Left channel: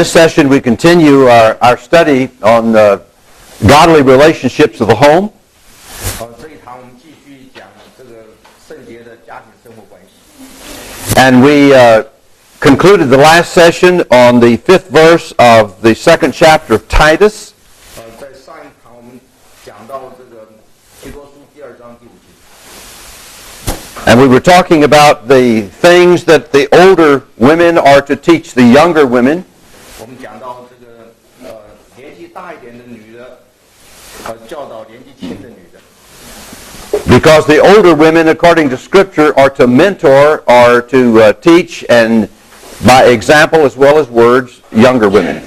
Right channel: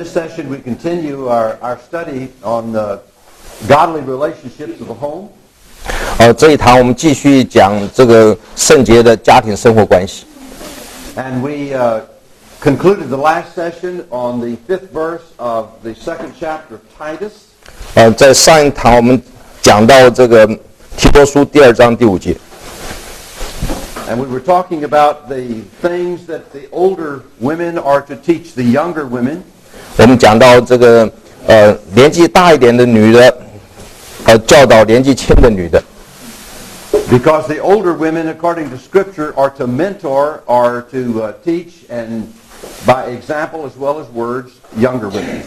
this session, we continue our study on godly relationships of the home. 这一堂我们继续讲这个圣洁的家庭生活关系。And we concluded the last session on the 5th verse of the 2nd chapter of Titus. 在上一堂我们讲到这个提多书第2章第5节。And we were talking about the things that the older women are to teach the younger women. 我们讲到这个年纪大一点的女的，教导年纪轻的女的。Because the older women, according to Scripture, are to mentor or to teach and by example as well as words, younger women.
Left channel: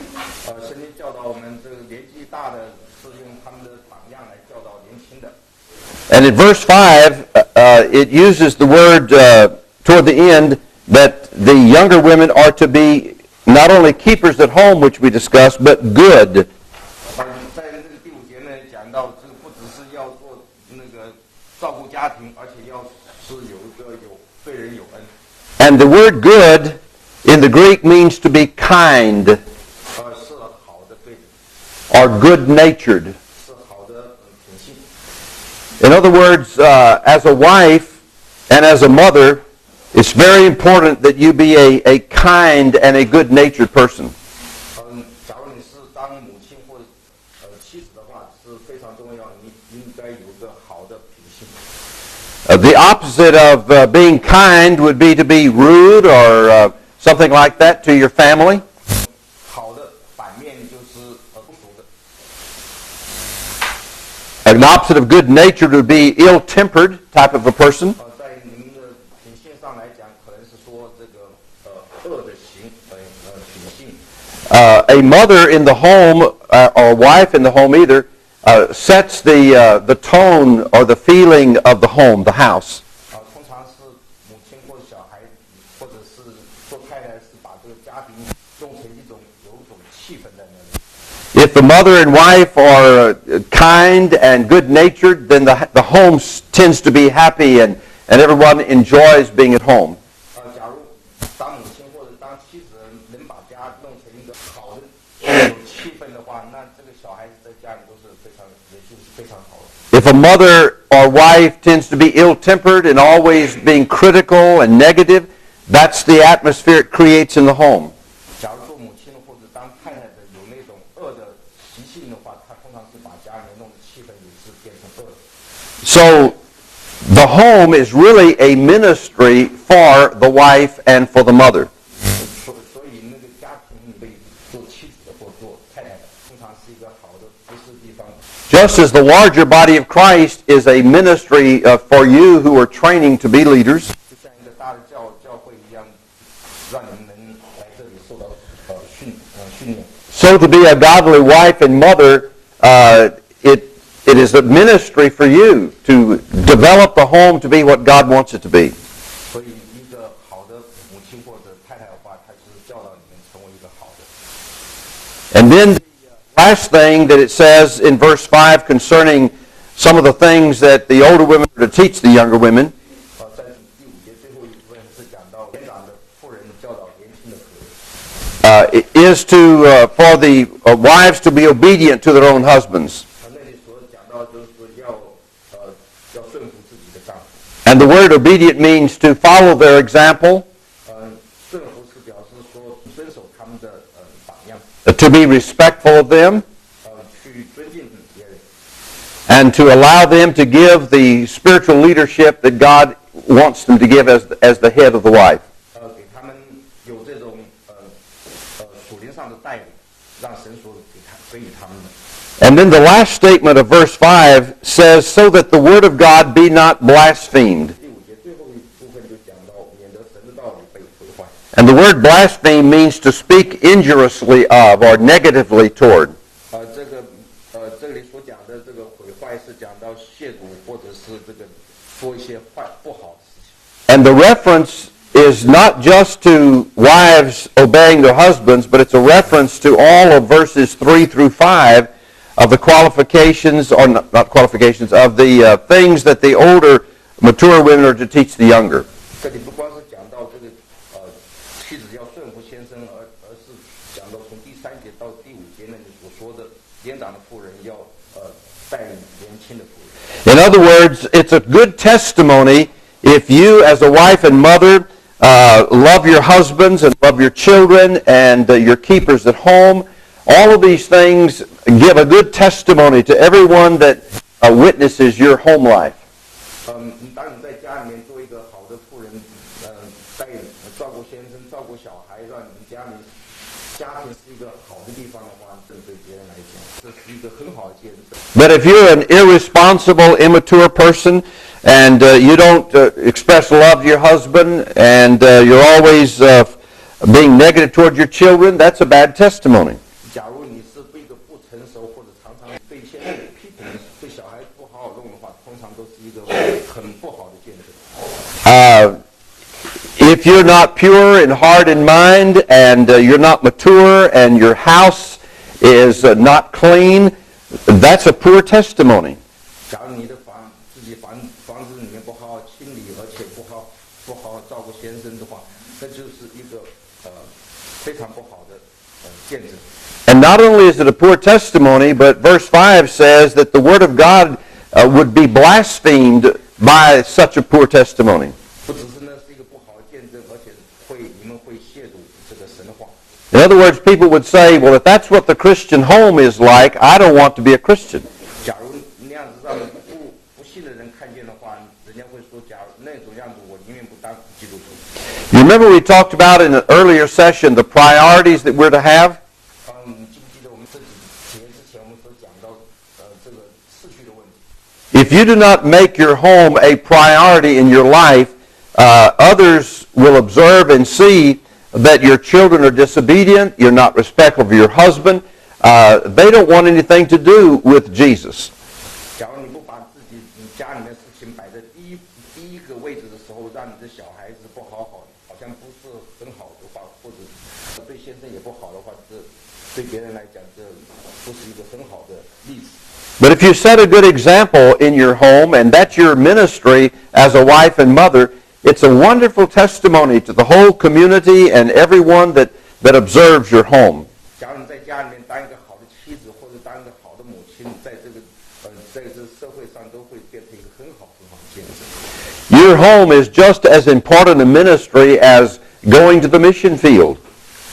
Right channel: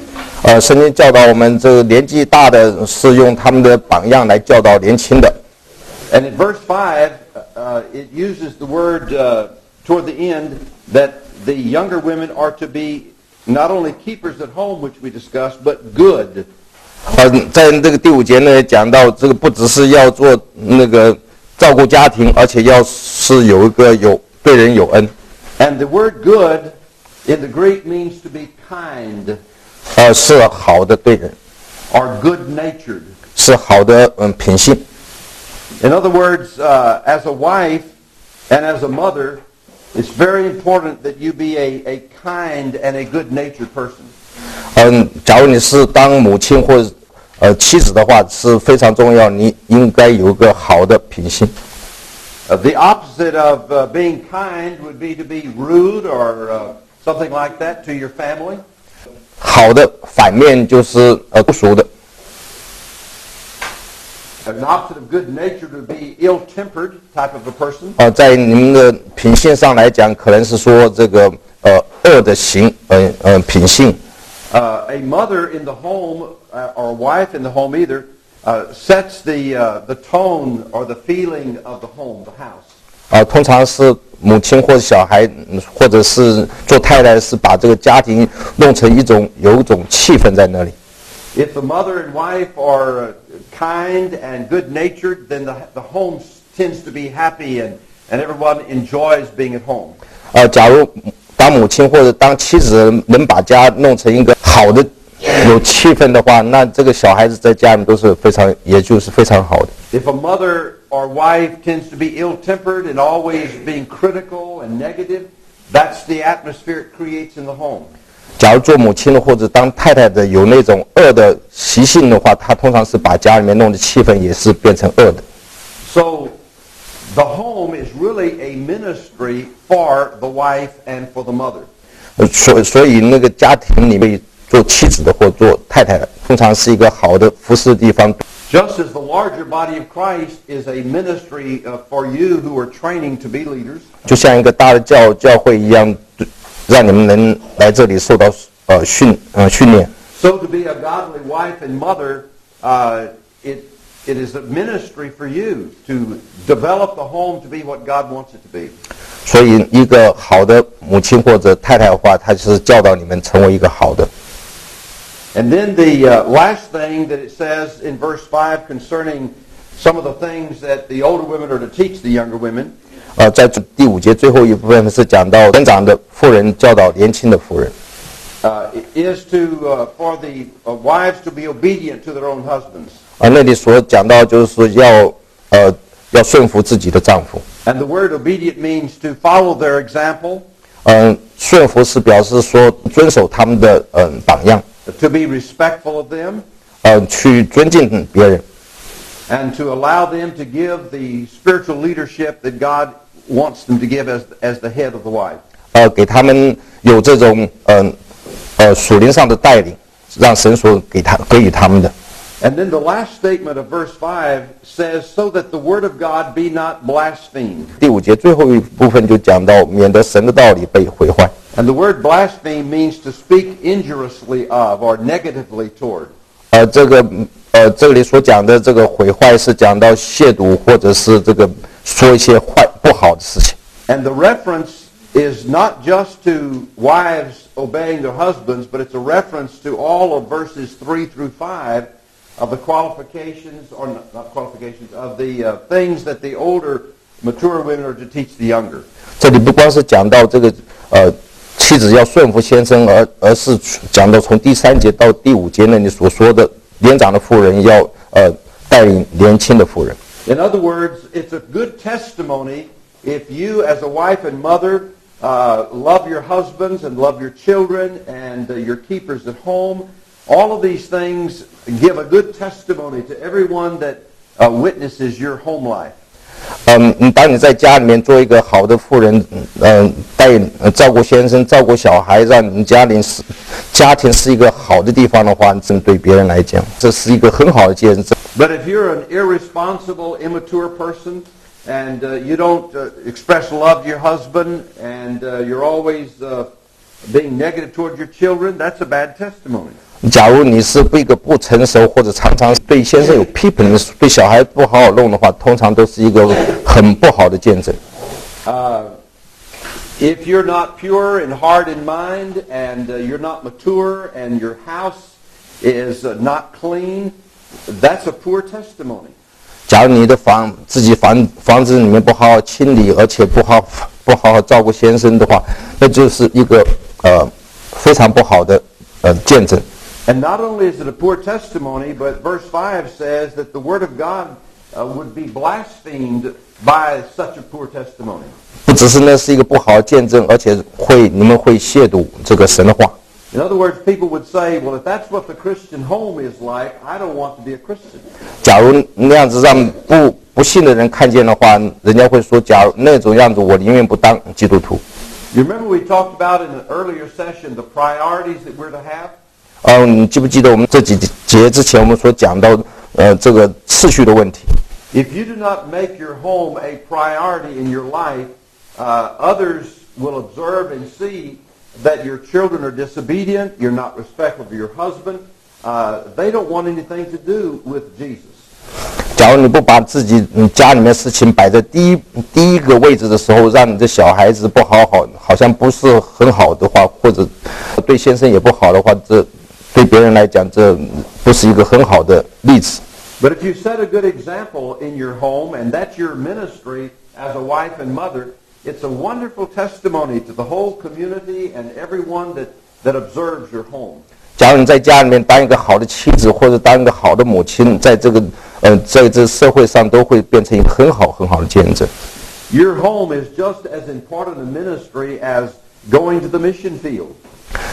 圣经教导我们这个年纪大的是用他们的榜样来教导年轻的。And in verse 5, it uses the word toward the end that the younger women are to be not only keepers at home, which we discussed, but good. 在这个第5节呢，讲到这个不只是要做那个照顾家庭，而且要是有对人有恩。And the word good in the Greek means to be kind. 是好的对人 or good-natured. 是好的品性。In other words, as a wife and as a mother, it's very important that you be a kind and a good-natured person. 假如你是当母亲或者妻子的话，是非常重要，你应该有一个好的品性。The opposite of being kind would be to be rude or something like that to your family. 好的反面就是不熟的。An opposite of good-natured would be ill-tempered type of a person. 在你们的品性上来讲，可能是说这个恶的品性。A mother in the home or wife in the home either sets the tone or the feeling of the home, the house. 通常是母亲或者小孩，或者是做太太，是把这个家庭弄成有一种气氛在那里。If the mother and wife are kind and good-natured, then the home tends to be happy and everyone enjoys being at home. 假如当母亲或者当妻子能把家弄成一个好的、有气氛的话，那这个小孩子在家里都是也就是非常好的。If a mother or wife tends to be ill-tempered and always being critical and negative, that's the atmosphere it creates in the home. 假如做母亲的或者当太太的有那种恶的习性的话，她通常是把家里面弄的气氛也是变成恶的。So the home is really a ministry for the wife and for the mother. 所以那个家庭里面做妻子的或做太太的，通常是一个好的服侍的地方。Just as the larger body of Christ is a ministry for you who are training to be leaders. 就像一个大的教会一样。让你们能来这里受到训练。So to be a godly wife and mother, it is a ministry for you to develop the home to be what God wants it to be. 所以一个好的母亲或者太太的话，她就是教导你们成为一个好的。And then the last thing that it says in verse 5 concerning some of the things that the older women are to teach the younger women. 在第5节最后一部分是讲到年长的妇人教导年轻的妇人。Is for the wives to be obedient to their own husbands. 那里所讲到就是要顺服自己的丈夫。And the word obedient means to follow their example. 顺服是表示说遵守他们的榜样。To be respectful of them. 去尊敬别人。And to allow them to give the spiritual leadership that God wants them to give as the head of the wife. 给他们有这种属灵上的带领，让神所给予他们的。And then the last statement of verse 5 says, so that the word of God be not blasphemed. 第5节最后一部分就讲到，免得神的道理被毁坏。And the word blaspheme means to speak injuriously of or negatively toward. 这里所讲的这个毁坏是讲到亵渎或者是这个说一些不好的事情。And the reference is not just to wives obeying their husbands, but it's a reference to all of verses 3 through 5 of the qualifications, or not qualifications, of the things that the older, mature women are to teach the younger. 这里不光是讲到这个妻子要顺服先生，而是讲到从第3节到第5节那里所说的年长的妇人要带领年轻的妇人。In other words, it's a good testimony if you as a wife and mother love your husbands and love your children and your keepers at home. All of these things give a good testimony to everyone that witnesses your home life. 当你在家里面做一个好的妇人，照顾先生、照顾小孩，让你们家庭是一个好的地方的话，这对别人来讲，这是一个很好的见证。But if you're an irresponsible, immature person and you don't express love to your husband and you're always being negative toward your children, that's a bad testimony. 假如你是一个不成熟或者常常对先生有批评的，对小孩不好好弄的话，通常都是一个很不好的见证。If you're not pure in heart and mind and you're not mature and your house is not clean, that's a poor testimony. 假如你的房子里面不好好清理，而且不好好照顾先生的话，那就是一个非常不好的见证。And not only is it a poor testimony, but verse 5 says that the word of God would be blasphemed by such a poor testimony. 不只是那是一个不好的见证，而且你们会亵渎这个神的话。In other words, people would say, well, if that's what the Christian home is like, I don't want to be a Christian. 假如那样子让不信的人看见的话，人家会说，假如那种样子，我宁愿不当基督徒。You remember we talked about in an earlier session the priorities that we're to have? 你记不记得我们这几节之前我们所讲到这个次序的问题？ If you do not make your home a priority in your life, others will observe and see that your children are disobedient, you're not respectful of your husband, they don't want anything to do with Jesus. 假如你不把自己家里面事情摆在第一个位置的时候，让你的小孩子不好像不是很好的话，或者对先生也不好的话，这对别人来讲，这不是一个很好的例子。But if you set a good example in your home, and that's your ministry as a wife and mother, it's a wonderful testimony to the whole community and everyone that observes your home. 假如你在家里面当一个好的妻子，或者当一个好的母亲，在这社会上都会变成一个很好的见证。Your home is just as important a ministry as going to the mission field.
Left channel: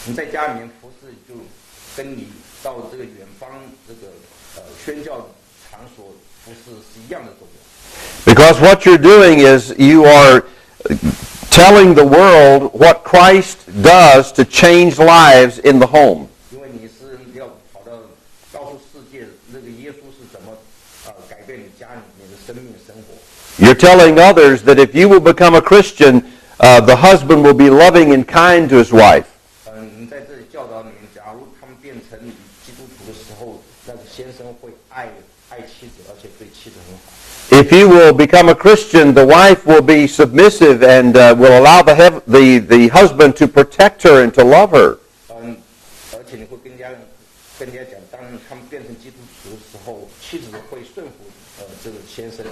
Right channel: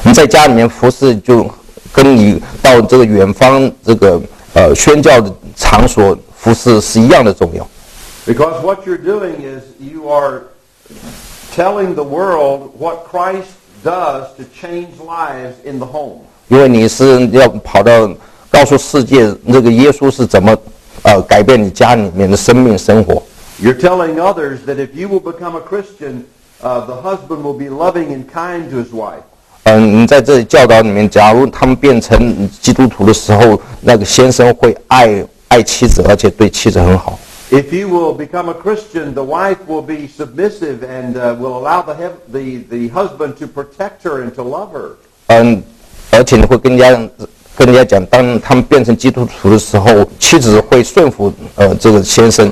你在家里面服侍，就跟你到这个远方这个宣教的场所服侍是一样的重要。Because what you're doing is you are telling the world what Christ does to change lives in the home. 因为你是要跑到告诉世界这个耶稣是怎么改变你家里面的生命生活。You're telling others that if you will become a Christian, the husband will be loving and kind to his wife. 你在这里教导里面，假如他们变成基督徒的时候，那个先生会爱妻子，而且对妻子很好。If you will become a Christian, the wife will be submissive and will allow the husband to protect her and to love her. 而且你会跟人家讲，当他们变成基督徒的时候，妻子会顺服这个先生。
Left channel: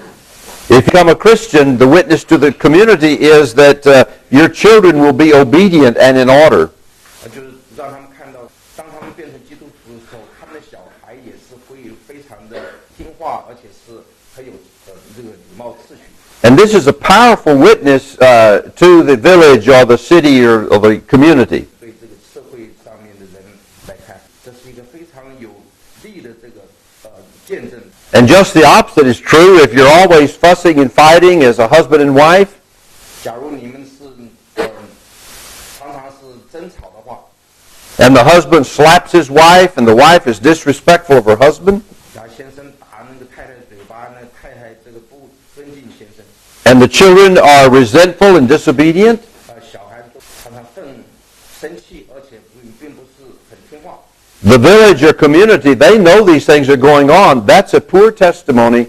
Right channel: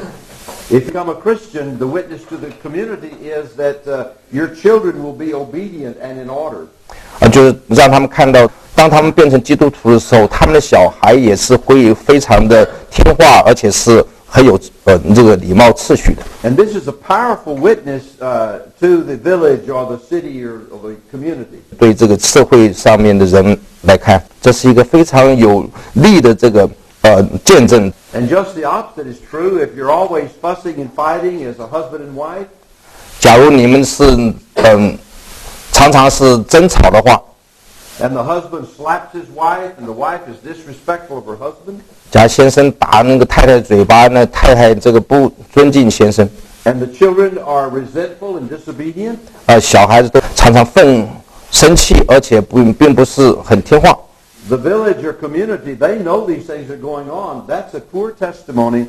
If you become a Christian, the witness to the community is that your children will be obedient and in order. 就是让他们看到，当他们变成基督徒的时候，他们的小孩也是会非常的听话，而且是很有这个礼貌秩序的。And this is a powerful witness to the village or the city or the community. 对这个社会上面的人来看，这是一个非常有利的这个见证。And just the opposite is true if you're always fussing and fighting as a husband and wife. 假如你们是常常是争吵的话 and the husband slaps his wife and the wife is disrespectful of her husband. 假如先生打那个太太嘴巴，那太太这个不尊敬先生。And the children are resentful and disobedient. 小孩子都常常生气，而且并不是很听话。The village or community, they know these things are going on. That's a poor testimony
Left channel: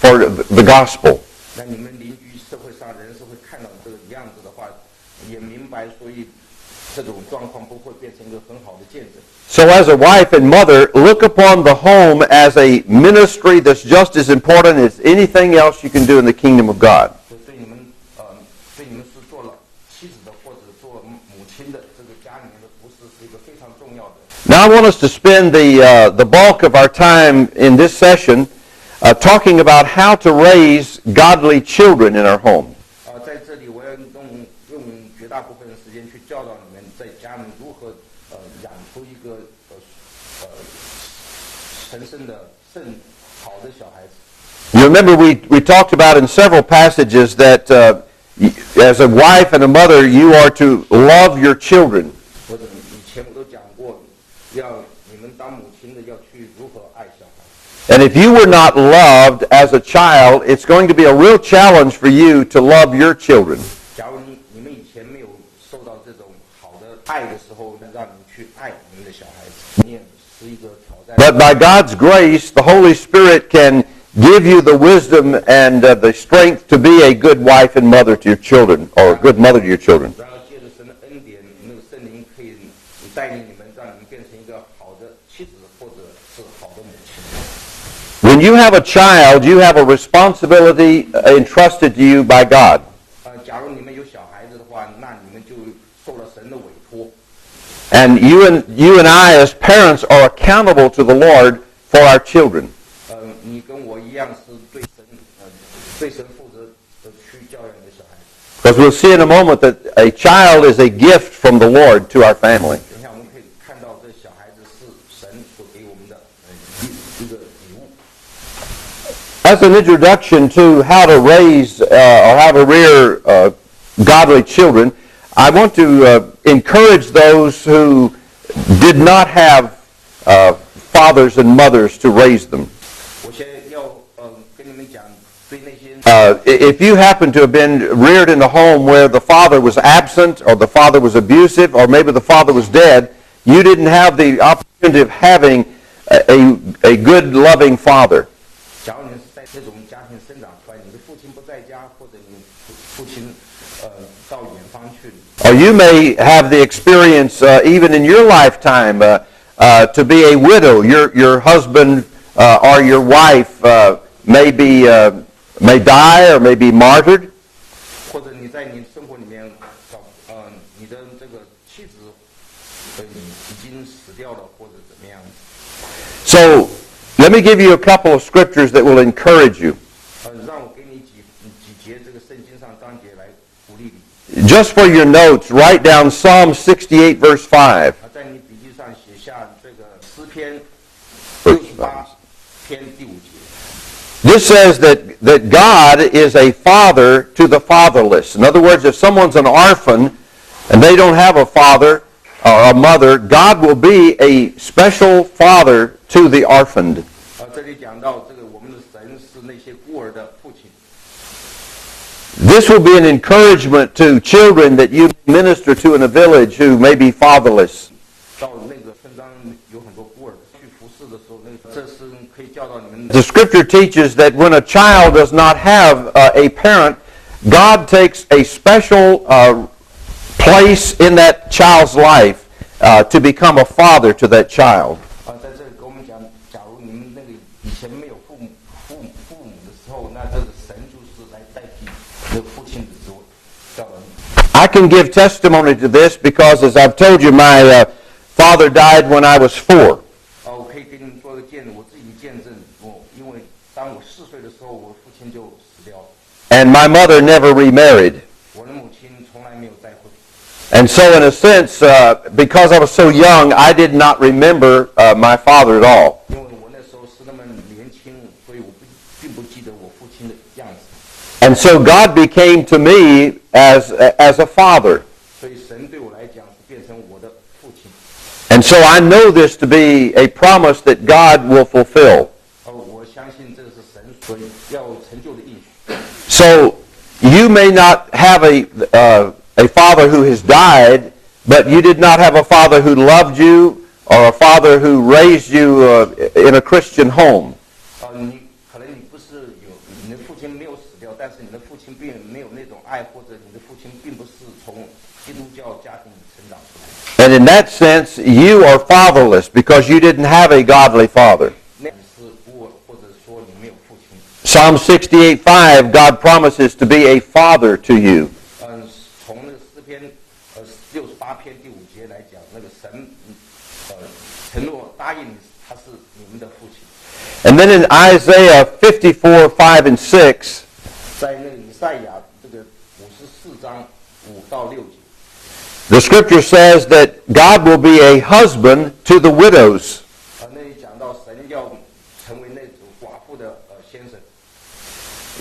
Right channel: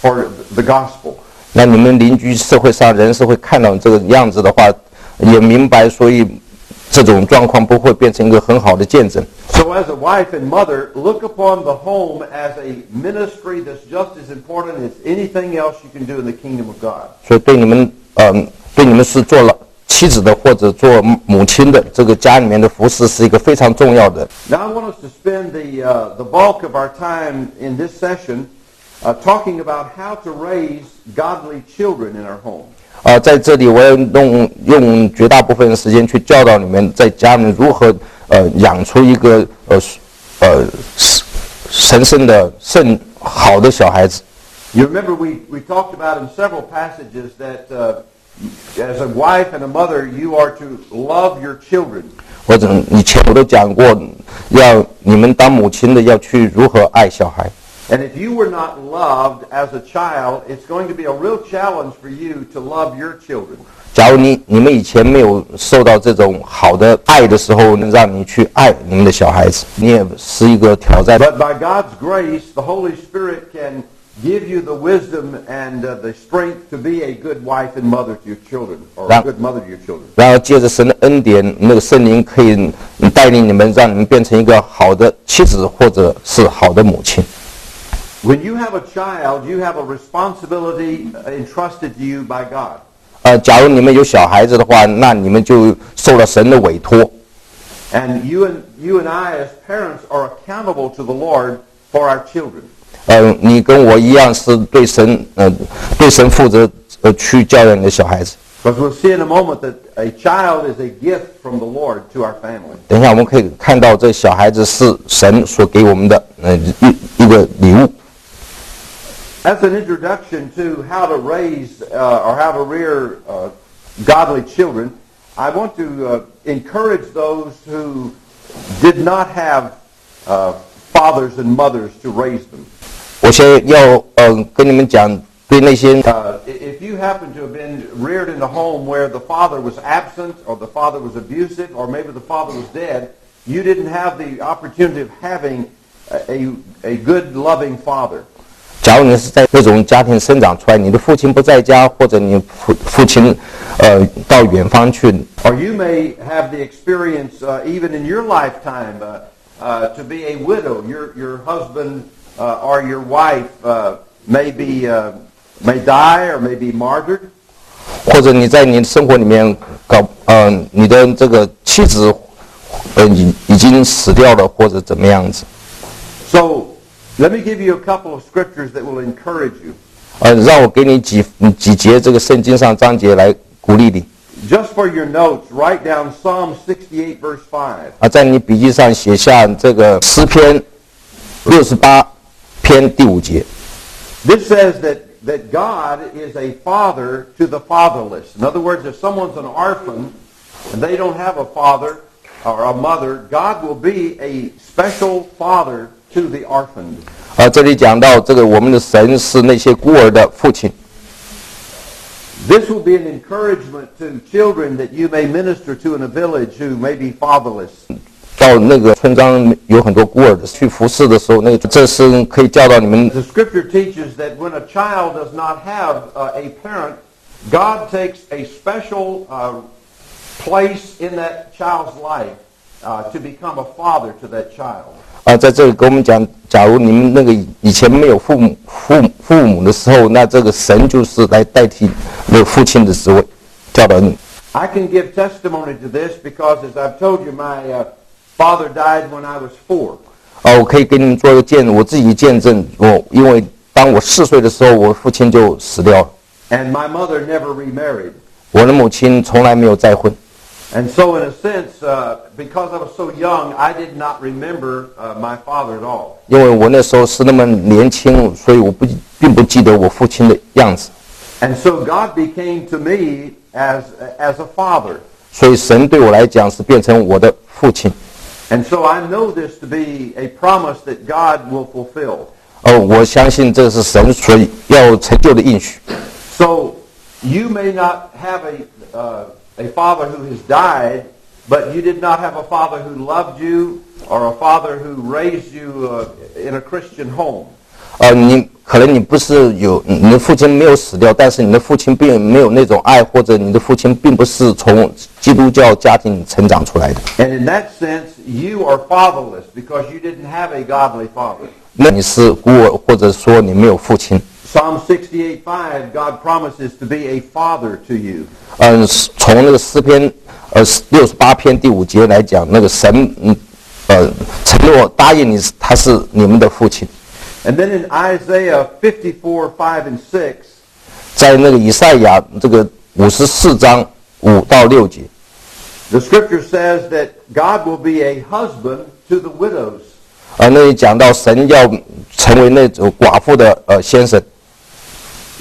for the gospel. 那你们邻居社会上人是会看到这个样子的话，也明白，所以这种状况不会变成一个很好的见证。So as a wife and mother, look upon the home as a ministry that's just as important as anything else you can do in the kingdom of God. 所以对你们是做了妻子的或者做母亲的，这个家里面的服侍是一个非常重要的。Now I want us to spend the bulk of our time in this session talking about how to raise godly children in our home. 在这里我要用绝大部分的时间去教导你们在家里面如何养出一个神圣的好的小孩子。You remember we talked about in several passages that as a wife and a mother you are to love your children. 或者以前我都讲过，你们当母亲的要去如何爱小孩。And if you were not loved as a child, it's going to be a real challenge for you to love your children. 假如你们以前没有受到这种好的爱的时候，能让你去爱你们的小孩子，你也是一个挑战。 But by God's grace, the Holy Spirit can give you the wisdom and the strength to be a good wife and mother to your children, or a good mother to your children. 然后借着神的恩典，那个圣灵可以带领你们，让你们变成一个好的妻子或者是好的母亲。When you have a child, you have a responsibility entrusted to you by God. 假如你们有小孩子的话，那你们就受了神的委托。And you and I as parents are accountable to the Lord for our children. 你跟我一样是对神负责去教养你的小孩子。As we'll see in a moment that a child is a gift from the Lord to our family. 等一下我们可以看到这小孩子是神所给我们的一个礼物。As an introduction to how to raise or how to rear godly children, I want to encourage those who did not have fathers and mothers to raise them. 我先要跟你们讲，对那些if you happen to have been reared in a home where the father was absent or the father was abusive or maybe the father was dead, you didn't have the opportunity of having a good loving father. 假如你是在这种家庭生长出来，你的父亲不在家，或者你父亲到远方去， or you may have the experience even in your lifetime to be a widow. Your husband or your wife may die or may be martyred. 或者你在你的生活里面你的这个妻子已经死掉了，或者怎么样子。 So let me give you a couple of scriptures that will encourage you. 让我给你几节这个圣经上章节来鼓励你。 Just for your notes, write down Psalm 68 verse 5. 在你笔记上写下这个诗篇68篇第5节。 This says that God is a father to the fatherless. In other words, if someone's an orphan and they don't have a father or a mother, God will be a special father to the orphaned. 这里讲到这个我们的神是那些孤儿的父亲。 This will be an encouragement to children that you may minister to in a village who may be fatherless. 到那个村庄有很多孤儿的，去服侍的时候，这是可以教导你们。 The scripture teaches that when a child does not have a parent, God takes a special place in that child's life to become a father to that child. 在这里跟我们讲，假如你们那个以前没有父母的时候，那这个神就是来代替那个父亲的职位，教导你。 I can give testimony to this because, as I've told you, my father died when I was 4. 我可以给你们做一个见证，我自己见证，因为当我4岁的时候，我父亲就死掉了。 And my mother never remarried. 我的母亲从来没有再婚。 And so in a sense, because I was so young, I did not remember my father at all. 因为我那时候是那么年轻，所以我并不记得我父亲的样子。 And so God became to me as a father. 所以神对我来讲是变成我的父亲。 And so I know this to be a promise that God will fulfill. 我相信这是神所要成就的应许。 So you may not have a father who has died, but you did not have a father who loved you or a father who raised you in a Christian home. 可能你不是你的父亲没有死掉，但是你的父亲并没有那种爱，或者你的父亲并不是从基督教家庭成长出来的。 And in that sense, you are fatherless because you didn't have a godly father. 那你是孤儿，或者说你没有父亲。 Psalm 68:5, God promises to be a father to you. 从那个诗篇68篇第5节来讲，那个神承诺答应你，他是你们的父亲。And then in Isaiah 54:5-6, 在那个以赛亚这个54章5到6节， the scripture says that God will be a husband to the widows. 那里讲到神要成为那种寡妇的先生。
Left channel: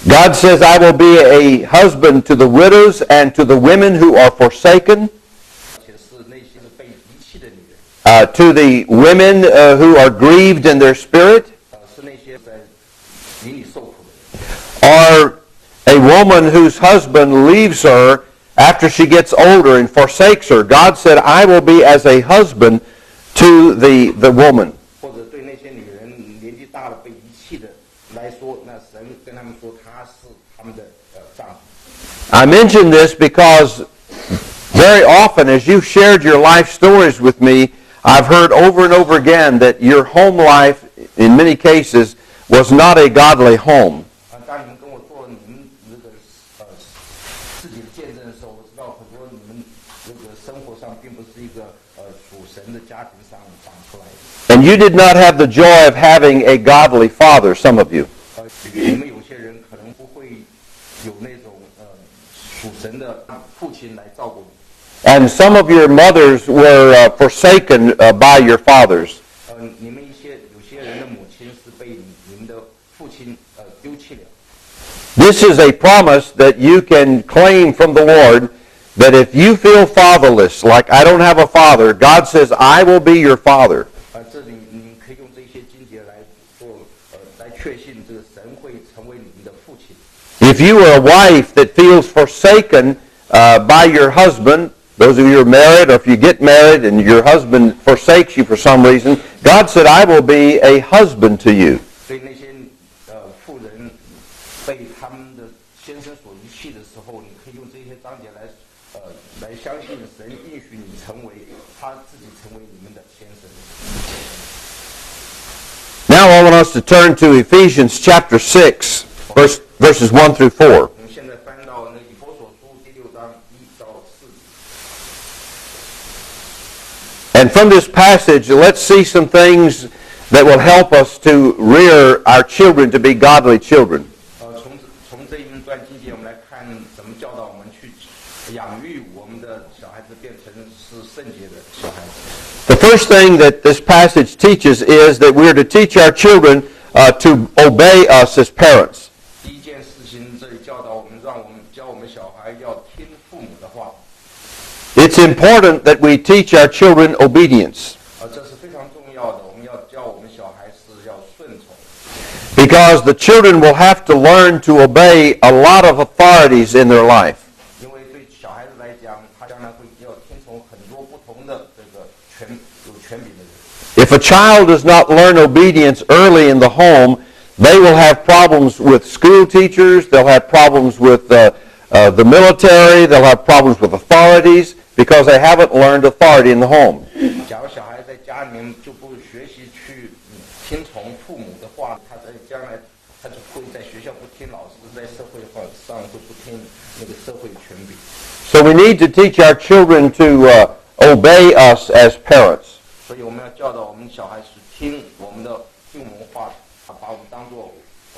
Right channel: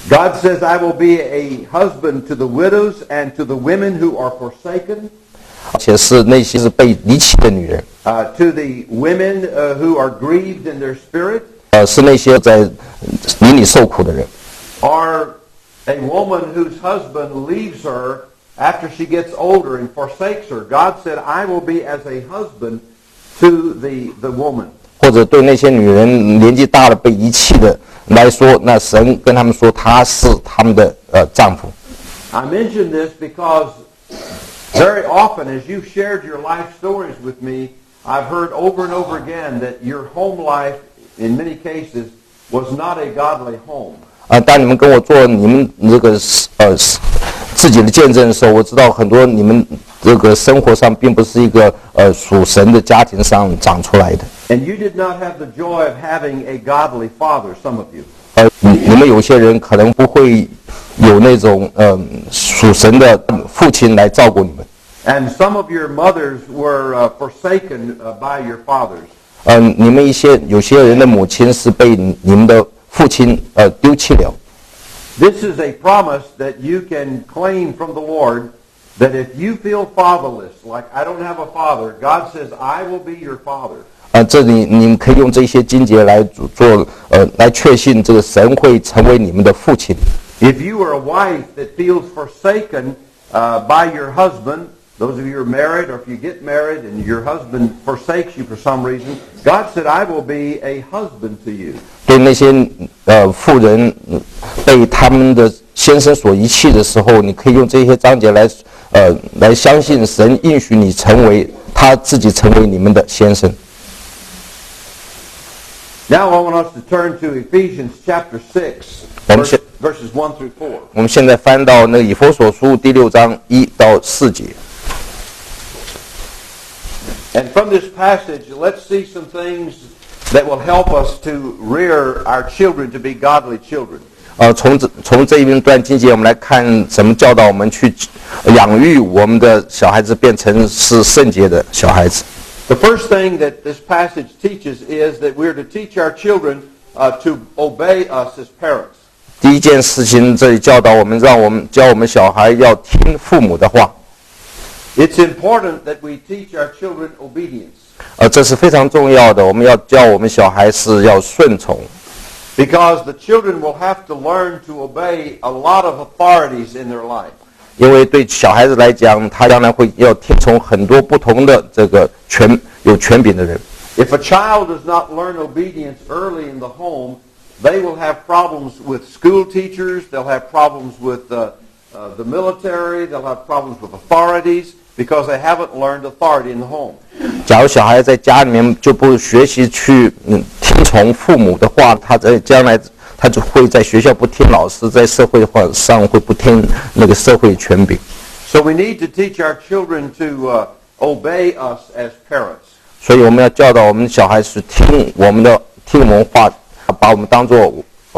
God says, I will be a husband to the widows and to the women who are forsaken, 而且是那些是被离弃的女人， to the women who are grieved in their spirit, 是那些在灵里受苦的人， or a woman whose husband leaves her after she gets older and forsakes her. God said, I will be as a husband to the woman. 或者对那些女人年纪大了被遗弃的来说，那神跟他们说他是他们的丈夫。I mention this because very often as you've shared your life stories with me, I've heard over and over again that your home life, in many cases, was not a godly home. 当你们跟我做你们这个自己的见证的时候，我知道很多你们这个生活上并不是一个属神的家庭上长出来的。And you did not have the joy of having a godly father, some of you. 你们有些人可能不会有那种属神的父亲来照顾你们。And some of your mothers were forsaken by your fathers. 你们有些人的母亲是被你们的父亲丢弃了。This is a promise that you can claim from the Lord that if you feel fatherless, like I don't have a father, God says, I will be your father. 这里你们可以用这些经节来来确信这个神会成为你们的父亲。If you are a wife that feels forsaken by your husband, those of you who are married, or if you get married and your husband forsakes you for some reason, God said, I will be a husband to you. 对那些妇人被他们的先生所遗弃的时候，你可以用这些章节来相信神应许你他自己成为你们的先生。Now I want us to turn to Ephesians chapter 6, verses 1 through 4. 我们现在翻到那个以弗所书第6章1到4节。And from this passage, let's see some things that will help us to rear our children to be godly children. 从这一段经节，我们来看怎么教导我们去养育我们的小孩子，变成是圣洁的小孩子。The first thing that this passage teaches is that we are to teach our children to obey us as parents. 第一件事情，这里教导我们，教我们小孩要听父母的话。It's important that we teach our children obedience. 这是非常重要的，我们要教我们小孩是要顺从。Because the children will have to learn to obey a lot of authorities in their life. 因为对小孩子来讲，他将来要听从很多不同的这个有权柄的人。If a child does not learn obedience early in the home, they will have problems with school teachers, they'll have problems with the military, they'll have problems with authorities because they haven't learned authority in the home. 假如小孩在家里面就不学习去听从父母的话，他在将来他就会在学校不听老师，在社会上会不听那个社会权柄。So we need to teach our children to obey us as parents. 所以我们要教导我们小孩是听我们话，把我们当作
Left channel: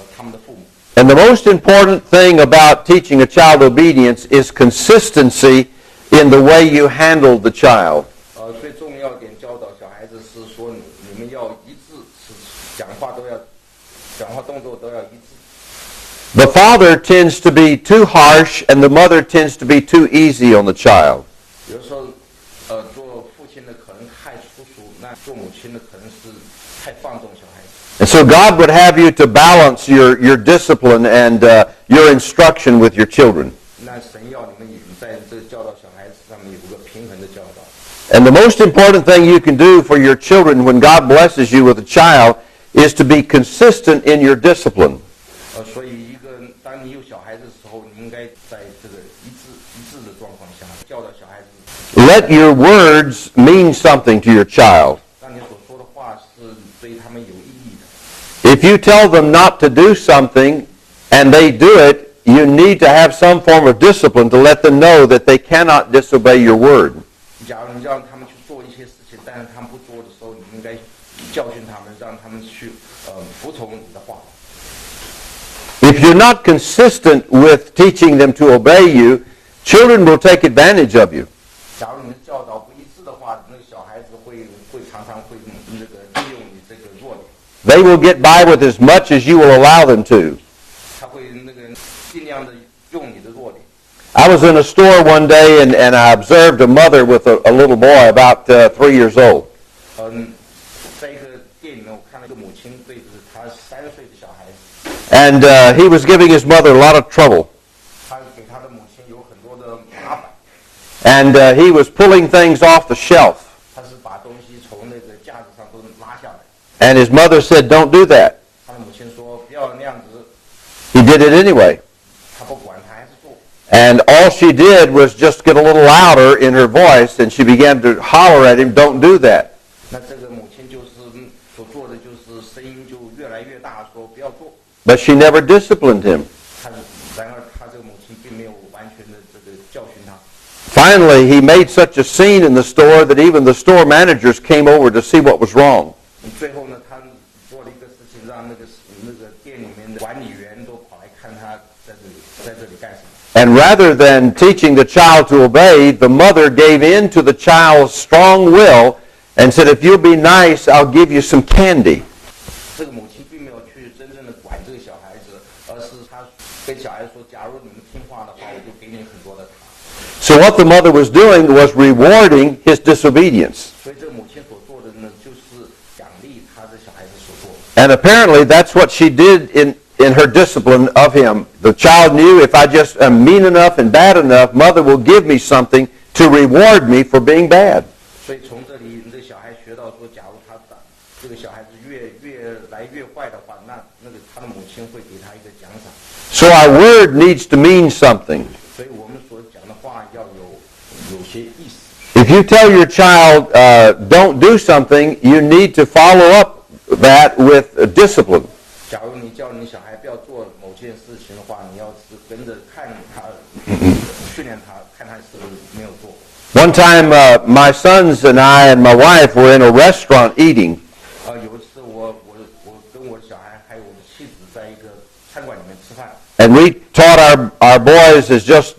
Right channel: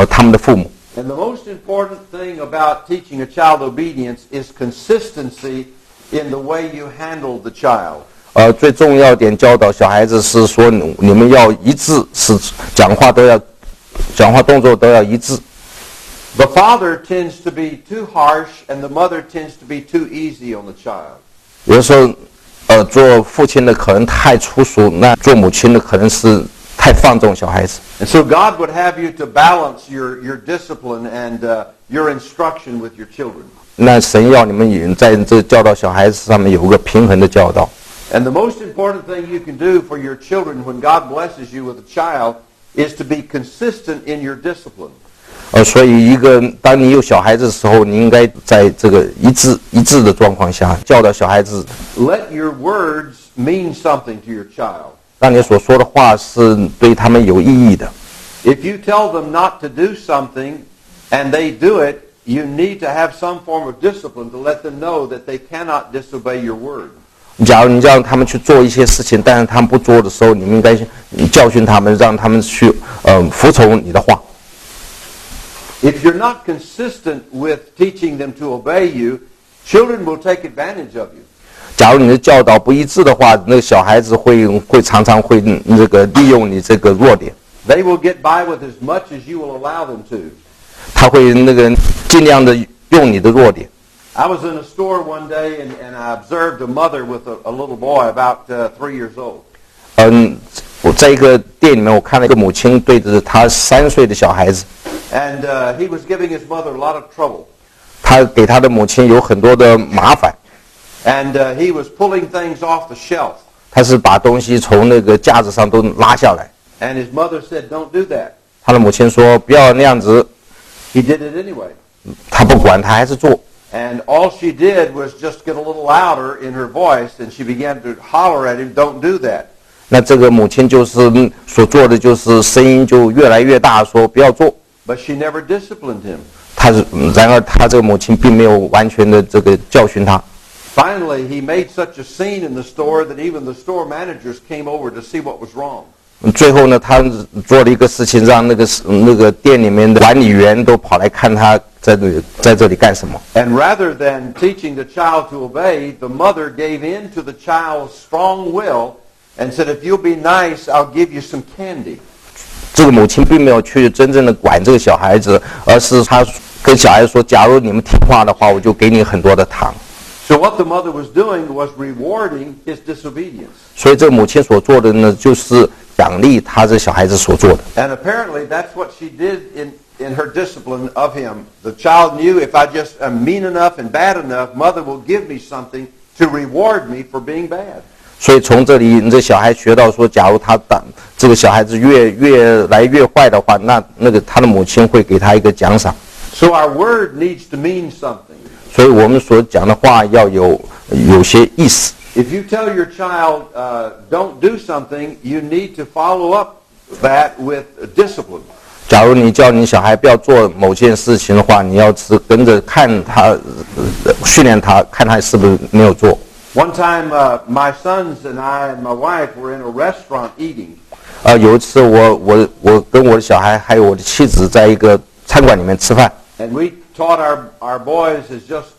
他们的父母。And the most important thing about teaching a child obedience is consistency in the way you handle the child. 最重要点教导小孩子是说，你们要一致，是讲话动作都要一致。The father tends to be too harsh and the mother tends to be too easy on the child. 有的时候，做父亲的可能太粗俗，那做母亲的可能是太放纵小孩子。And so God would have you to balance your discipline and your instruction with your children. 那神要你们在这教导小孩子上面有个平衡的教导。And the most important thing you can do for your children when God blesses you with a child is to be consistent in your discipline. 所以当你有小孩子的时候，你应该在这个一致的状况下教导小孩子。Let your words mean something to your child. 让你所说的话是对他们有意义的。If you tell them not to do something and they do it, you need to have some form of discipline to let them know that they cannot disobey your word. 假如你让他们去做一些事情，但是他们不做的时候，你们应该教训他们，让他们去服从你的话。If you're not consistent with teaching them to obey you, children will take advantage of you. 假如你的教导不一致的话，那个小孩子会常常会这个利用你这个弱点。They will get by with as much as you will allow them to. 他会那个尽量的用你的弱点。I was in a store one day and I observed a mother with a little boy about 3 years old. 我在一个店里面，我看了一个母亲对着他3岁的小孩子， And he was giving his mother a lot of trouble. 他给他的母亲有很多的麻烦。And he was pulling things off the shelf. 他是把东西从那个架子上都拉下来。And his mother said, "Don't do that." 他的母亲说不要那样子， He did it anyway. 他不管，他还是做。And all she did was just get a little louder in her voice, and she began to holler at him, "Don't do that." 那这个母亲就是所做的就是声音就越来越大，说不要做。But she never disciplined him. 然而他这个母亲并没有完全的这个教训他。Finally, he made such a scene in the store that even the store managers came over to see what was wrong. 最后呢，他做了一个事情，让那个店里面的管理员都跑来看他在这里干什么。And rather than teaching the child to obey, the mother gave in to the child's strong will and said, "If you'll be nice, I'll give you some candy." 这个母亲并没有去真正的管这个小孩子，而是他跟小孩子说：“假如你们听话的话，我就给你很多的糖。” So what the mother was doing was rewarding his disobedience. 所以这个母亲所做的呢，就是奖励他这小孩子所做的。And apparently that's what she did in her discipline of him. The child knew, if I just am mean enough and bad enough, mother will give me something to reward me for being bad. 所以从这里，你这小孩学到说，假如他这个小孩子越来越坏的话，那个他的母亲会给他一个奖赏。So our word needs to mean something. 所以我们所讲的话要有些意思。If you tell your child don't do something, you need to follow up that with discipline. 假如你叫你小孩不要做某件事情的话，你要是跟着看他，训练他，看他是不是没有做。One time, my sons and I and my wife were in a restaurant eating. 有一次我跟我的小孩还有我的妻子在一个餐馆里面吃饭。And we taught our boys as just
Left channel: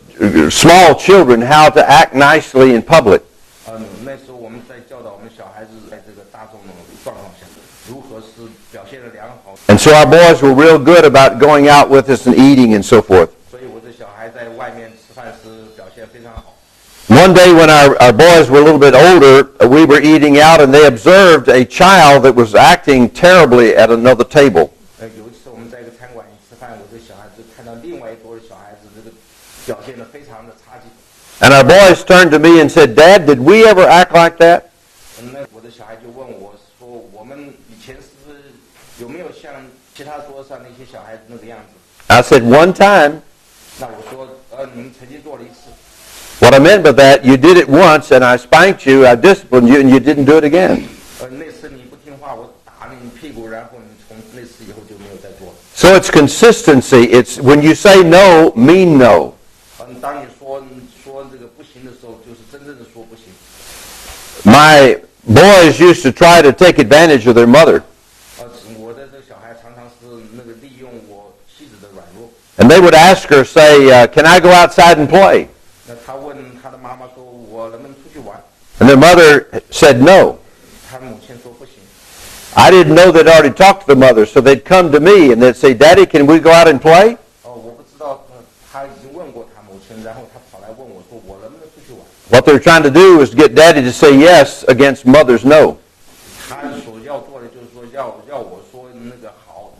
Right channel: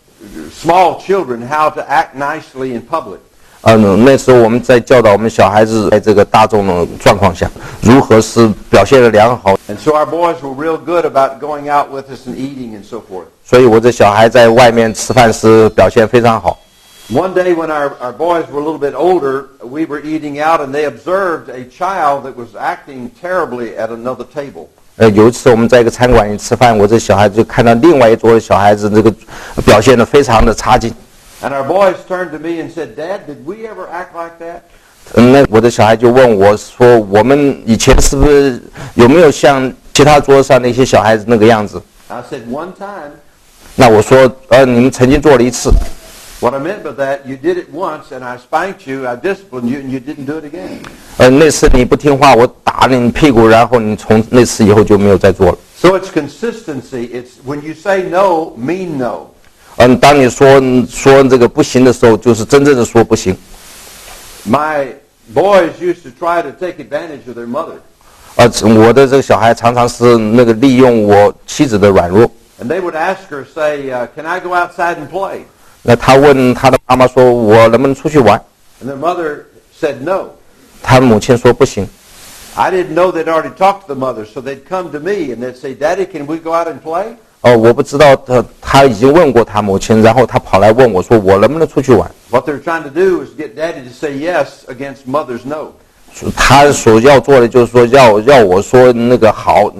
small children how to act nicely in public. 那时候我们在教导我们小孩子在这个大众的状况下，如何是表现得良好。And so our boys were real good about going out with us and eating and so forth. 所以我这小孩在外面吃饭时表现非常好。One day when our boys were a little bit older, we were eating out and they observed a child that was acting terribly at another table. 有一次我们在一个餐馆里吃饭，我这小孩子就看到另外一桌的小孩子这个表现得非常的差劲。And our boys turned to me and said, "Dad, did we ever act like that?" 那我的小孩就问我说：“我们以前是不是有没有像其他桌上那些小孩子那个样子？” I said, "One time." 那我说：“你们曾经做了一次。” What I meant by that, you did it once and I spanked you, I disciplined you, and you didn't do it again. 那次你不听话，我打了你屁股，然后你从那次以后就没有再做了。So it's consistency. It's when you say no, mean no. 当你说这个不行的时候，就是真正的说不行。My boys used to try to take advantage of their mother. 我的这个小孩常常是那个利用我妻子的软弱。And they would ask her, say, "Can I go outside and play?" 那他问他的妈妈说：“我能不能出去玩？” And their mother said no. 他母亲说：“不行。” I didn't know they'd already talked to the mother, so they'd come to me and they'd say, "Daddy, can we go out and play?" 我不知道他已经问过他母亲，然后他跑来问我说：“我能不能出去玩？” What they're trying to do is get Daddy to say yes against Mother's no. 他所要做的就是说要我说那个好，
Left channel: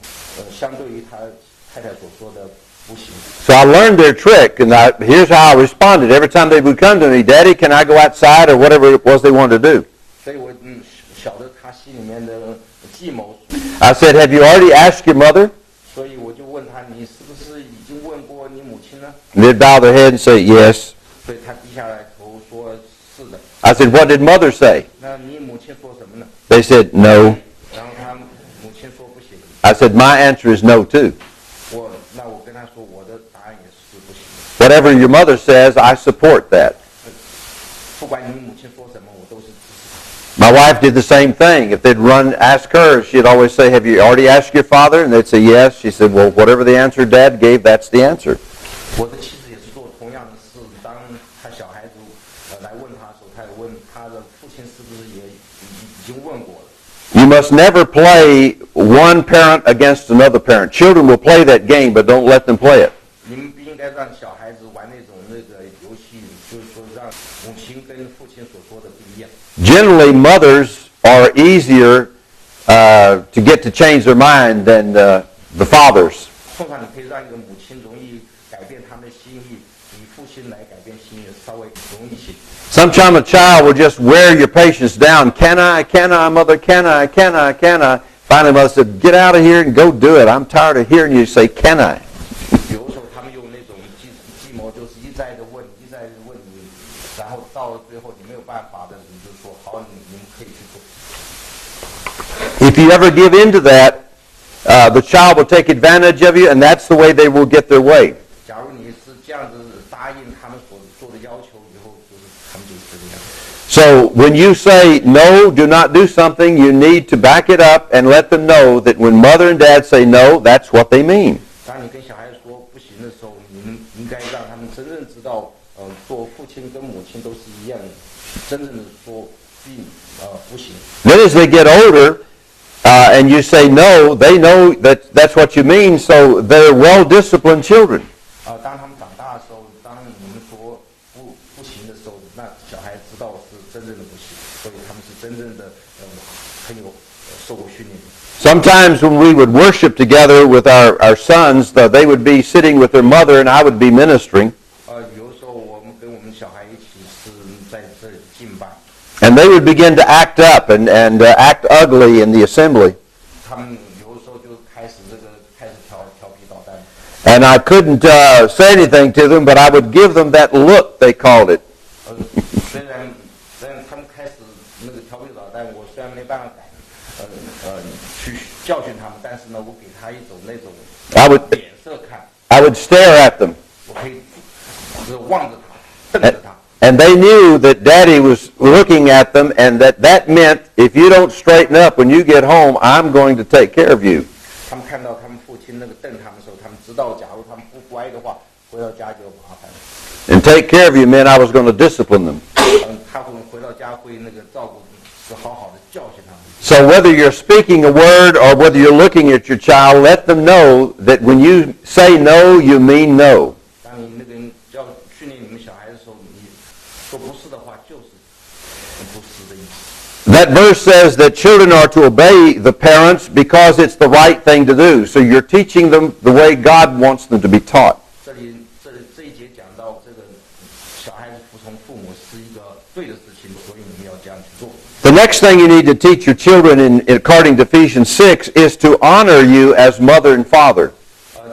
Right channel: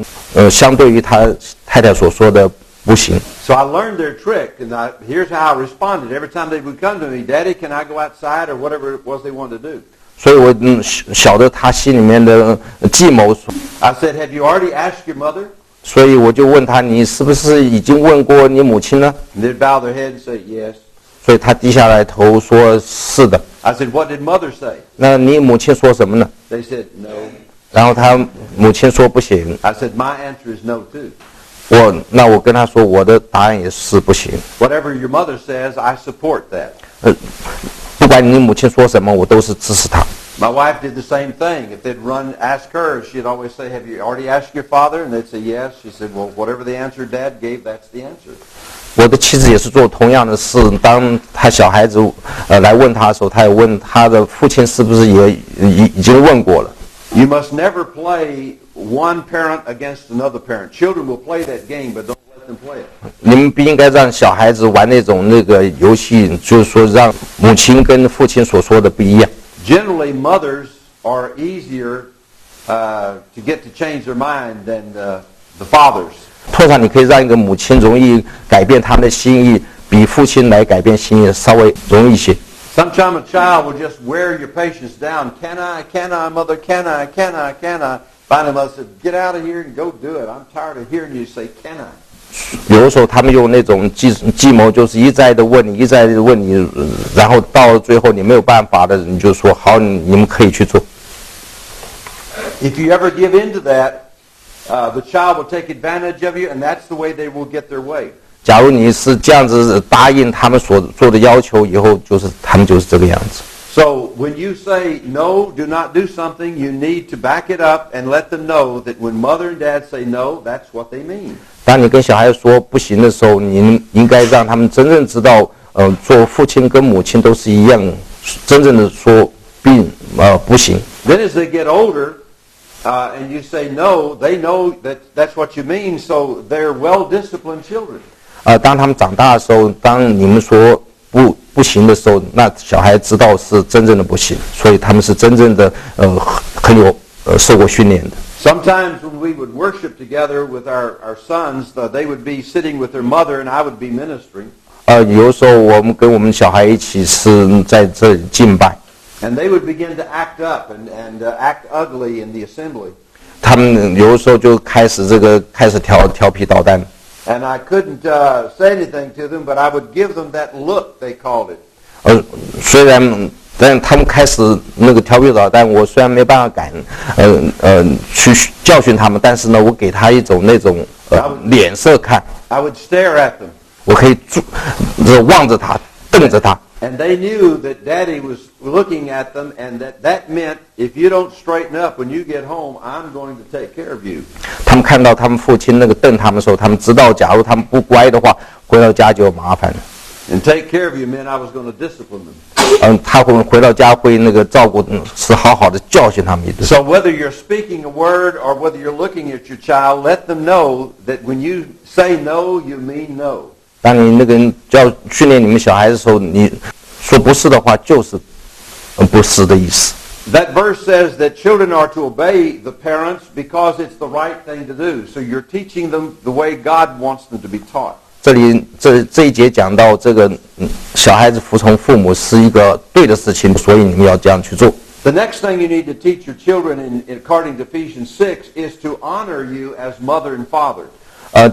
相对于他太太所说的不行。So I learned their trick, and here's how I responded. Every time they would come to me, "Daddy, can I go outside?" or whatever it was they wanted to do. 所以我晓得他心里面的计谋。I said, "Have you already asked your mother?" 所以我就问他：“你是不是已经问过你母亲呢？” And they'd bow their head and say, "Yes." 所以他低下来头说：“是的。” I said, "What did Mother say?" 那你母亲说什么呢？ They said, "No." 然后他母亲说不行。I said, "My answer is no too." 我跟他说，我的答案也是不行。Whatever your mother says, I support that. 不管你母亲说什么，我都是支持她。My wife did the same thing. If they'd ask her, she'd always say, "Have you already asked your father?" And they'd say, "Yes." She said, "Well, whatever the answer Dad gave, that's the answer." 我的妻子也是做同样的事。当他小孩子来问他的时候，他也问他的父亲是不是也已经问过了。You must never play one parent against another parent. Children will play that game, but don't let them play it. 你们不应该让小孩子玩那个游戏，就是说让母亲跟父亲所说的不一样。Generally, mothers are easier to get to change their mind than the fathers. 通常你可以让一个母亲容易改变他们的心意，比父亲来改变心意稍微容易一些。Sometimes a child will just wear your patience down. Can I, mother? Can I? Finally, mother said, "Get out of here and go do it. I'm tired of hearing you say, can I?" 有的时候他们用那种计谋，就是一再的问你，然后到了最后你没有办法的，你就说好，你们可以去做。If you ever give in to that, the child will take advantage of you, and that's the way they will get their way. 假如你是这样子答应他们所做的要求，以后他们就是这个样子。So when you say no, do not do something, you need to back it up and let them know that when mother and dad say no, that's what they mean. 当你跟小孩说不行的时候，你应该让他们真正知道，做父亲跟母亲都是一样，真正的说不行。Then as they get older, and you say no, they know that that's what you mean, so they're well-disciplined children. 当他们长大的时候，当你们说不行的时候，那小孩知道是真正的不行，所以他们是真正的很有受过训练的。Sometimes when we would worship together with our sons, they would be sitting with their mother and I would be ministering. 有的时候我们跟我们小孩一起是在这里敬拜。And they would begin to act up and act ugly in the assembly. 他们有的时候就开始调皮捣蛋。And I couldn't say anything to them, but I would give them that look, they called it. 但他们开始那个调皮捣蛋，我虽然没办法去教训他们，但是呢，我给他一种那种脸色看。I would stare at them. 我可以望着他，瞪着他。And they knew that Daddy was looking at them, and that meant if you don't straighten up when you get home, I'm going to take care of you. 他们看到他们父亲那个瞪他们的时候，他们知道，假如他们不乖的话，回到家就有麻烦了。And take care of you meant I was going to discipline them. 他会回到家会那个照顾，是好好的教训他们。So whether you're speaking a word or whether you're looking at your child, let them know that when you say no, you mean no. 当你那个训练你们小孩的时候，你说不是的话，就是不是的意思。That verse says that children are to obey the parents because it's the right thing to do. So you're teaching them the way God wants them to be taught. 这一节讲到这个小孩子服从父母是一个对的事情，所以你们要这样去做。The next thing you need to teach your children, according to Ephesians 6, is to honor you as mother and father.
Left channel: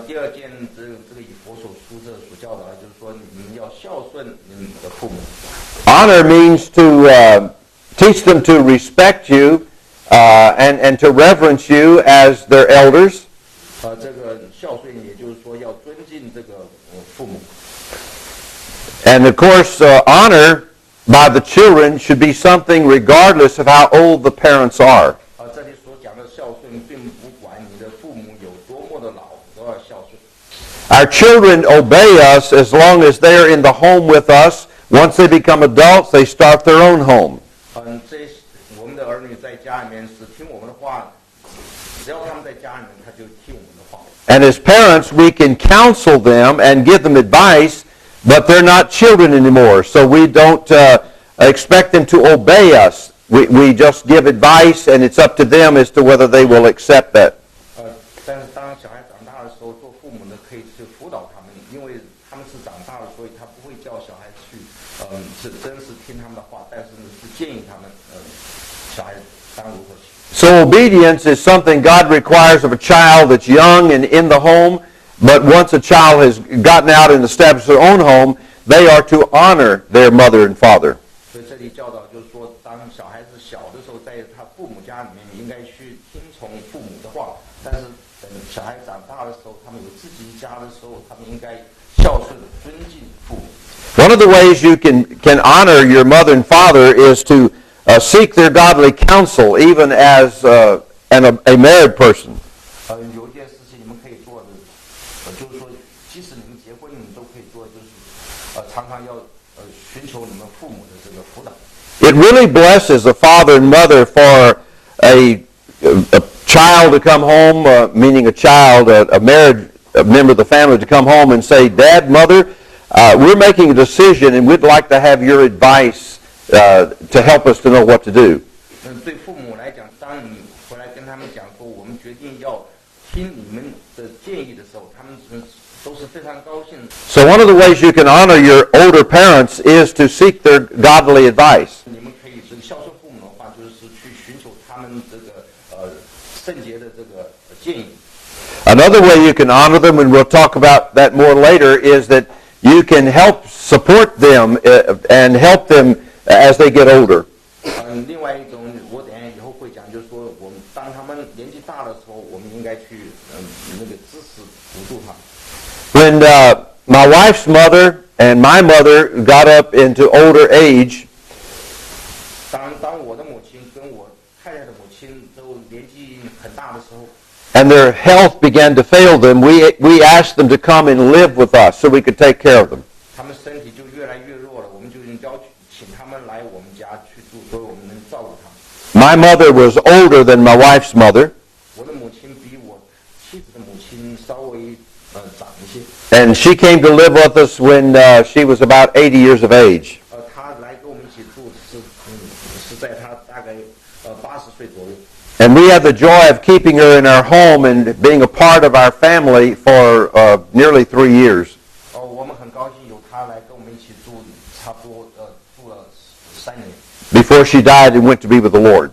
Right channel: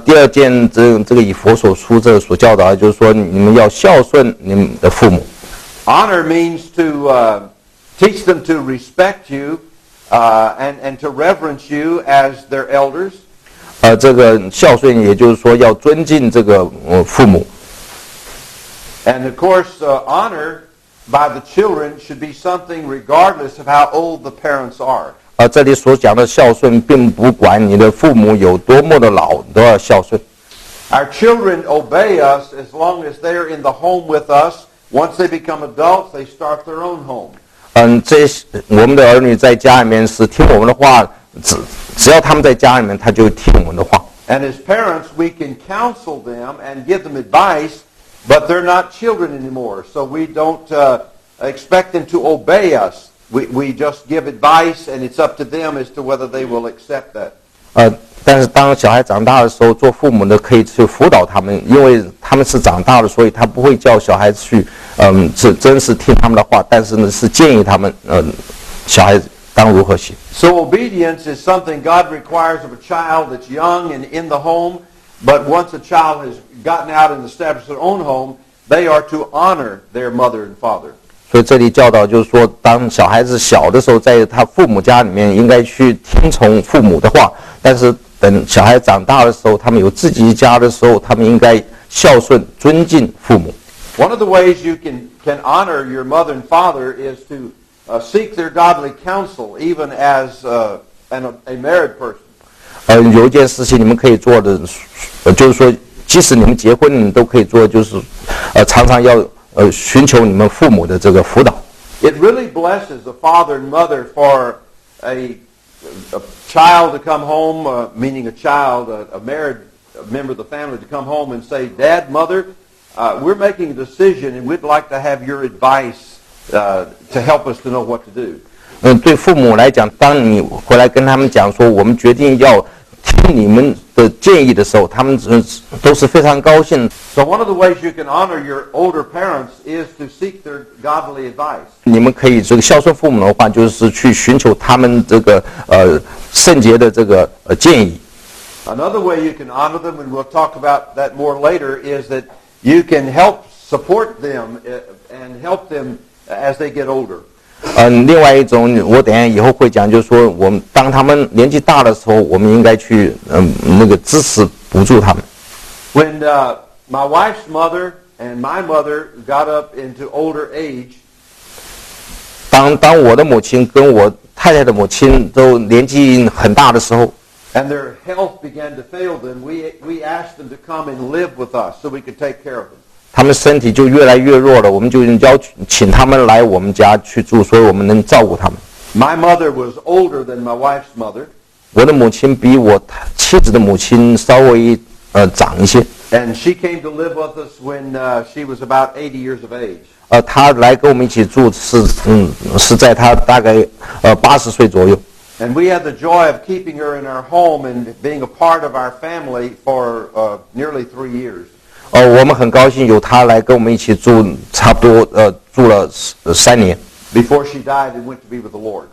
第二件这个以佛所书这所教导的就是说，你们要孝顺你们的父母。Honor means to teach them to respect you and to reverence you as their elders. 这个孝顺也就是说要尊敬这个父母。And of course, honor by the children should be something regardless of how old the parents are. 这里所讲的孝顺，并不管你的父母有多么的老，都要孝顺。Our children obey us as long as they are in the home with us. Once they become adults, they start their own home. 我们的儿女在家里面是听我们的话，只要他们在家里面，他就听我们的话。And as parents, we can counsel them and give them advice, but they're not children anymore. So we don't expect them to obey us. We just give advice, and it's up to them as to whether they will accept that. 但是当小孩长大的时候，做父母的可以去辅导他们，因为他们是长大了，所以他不会叫小孩子去，真是听他们的话，但是呢是建议他们，小孩子当如何行。So obedience is something God requires of a child that's young and in the home, but once a child has gotten out and established their own home, they are to honor their mother and father. 所以这里教导就是说，当小孩子小的时候，在他父母家里面应该去听从父母的话，但是等小孩长大的时候，他们有自己家的时候，他们应该孝顺、尊敬父母。One of the ways you can honor your mother and father is to seek their godly counsel, even as a married person. 有一件事情你们可以做的，就是说，即使你们结婚，你们都可以做，就是常常要寻求你们父母的这个辅导。It really blesses a father and mother for a child to come home, meaning a child, a married member of the family to come home and say, Dad, Mother, we're making a decision and we'd like to have your advice to help us to know what to do. 对父母来讲，当你回来跟他们讲说，我们决定要听你们的建议的时候，他们都是非常高兴。So one of the ways you can honor your older parents is to seek their godly advice. 你们可以这个孝顺父母的话，就是去寻求他们这个圣洁的这个建议。Another way you can honor them, and we'll talk about that more later, is that you can help support them and help them as they get older. 另外一种，我等一下以后会讲，就是说，我们当他们年纪大的时候，我们应该去那个支持补助他们。When my wife's mother and my mother got up into older age, 当我的母亲跟我太太的母亲都年纪很大的时候， and their health began to fail them, we asked them to come and live with us so we could take care of them. 他们身体就越来越弱了，我们就请他们来我们家去住，所以我们能照顾他们。My mother was older than my wife's mother. 我的母亲比我妻子的母亲稍微长一些。And she came to live with us when she was about 80 years of age. 她来跟我们一起住是在她大概80岁左右。And we had the joy of keeping her in our home and being a part of our family for nearly 3 years. 我们很高兴有她来跟我们一起住，差不多住了3年。Before she died and went to be with the Lord.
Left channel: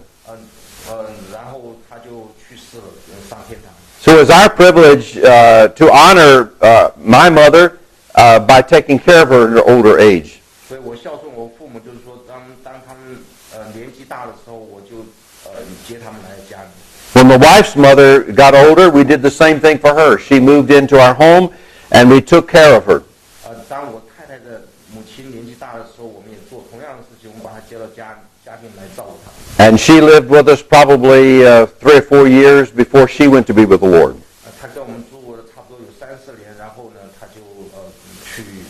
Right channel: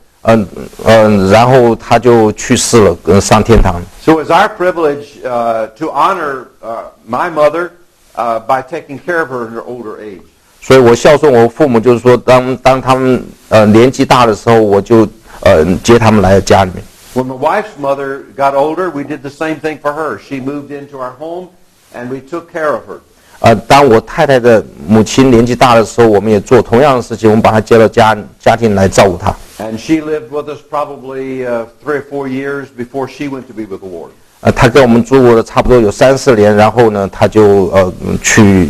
然后她就去世了，上天堂。So it's our privilege to honor my mother by taking care of her in her older age. 所以我孝顺我父母，就是说当他们年纪大的时候，我就接他们来家里面。When my wife's mother got older, we did the same thing for her. She moved into our home, and we took care of her. 当我太太的母亲年纪大的时候，我们也做同样的事情，我们把她接到家庭来照顾她。And she lived with us probably 3 or 4 years before she went to be with the Lord. 她跟我们住过了差不多有3、4年，然后呢，她就去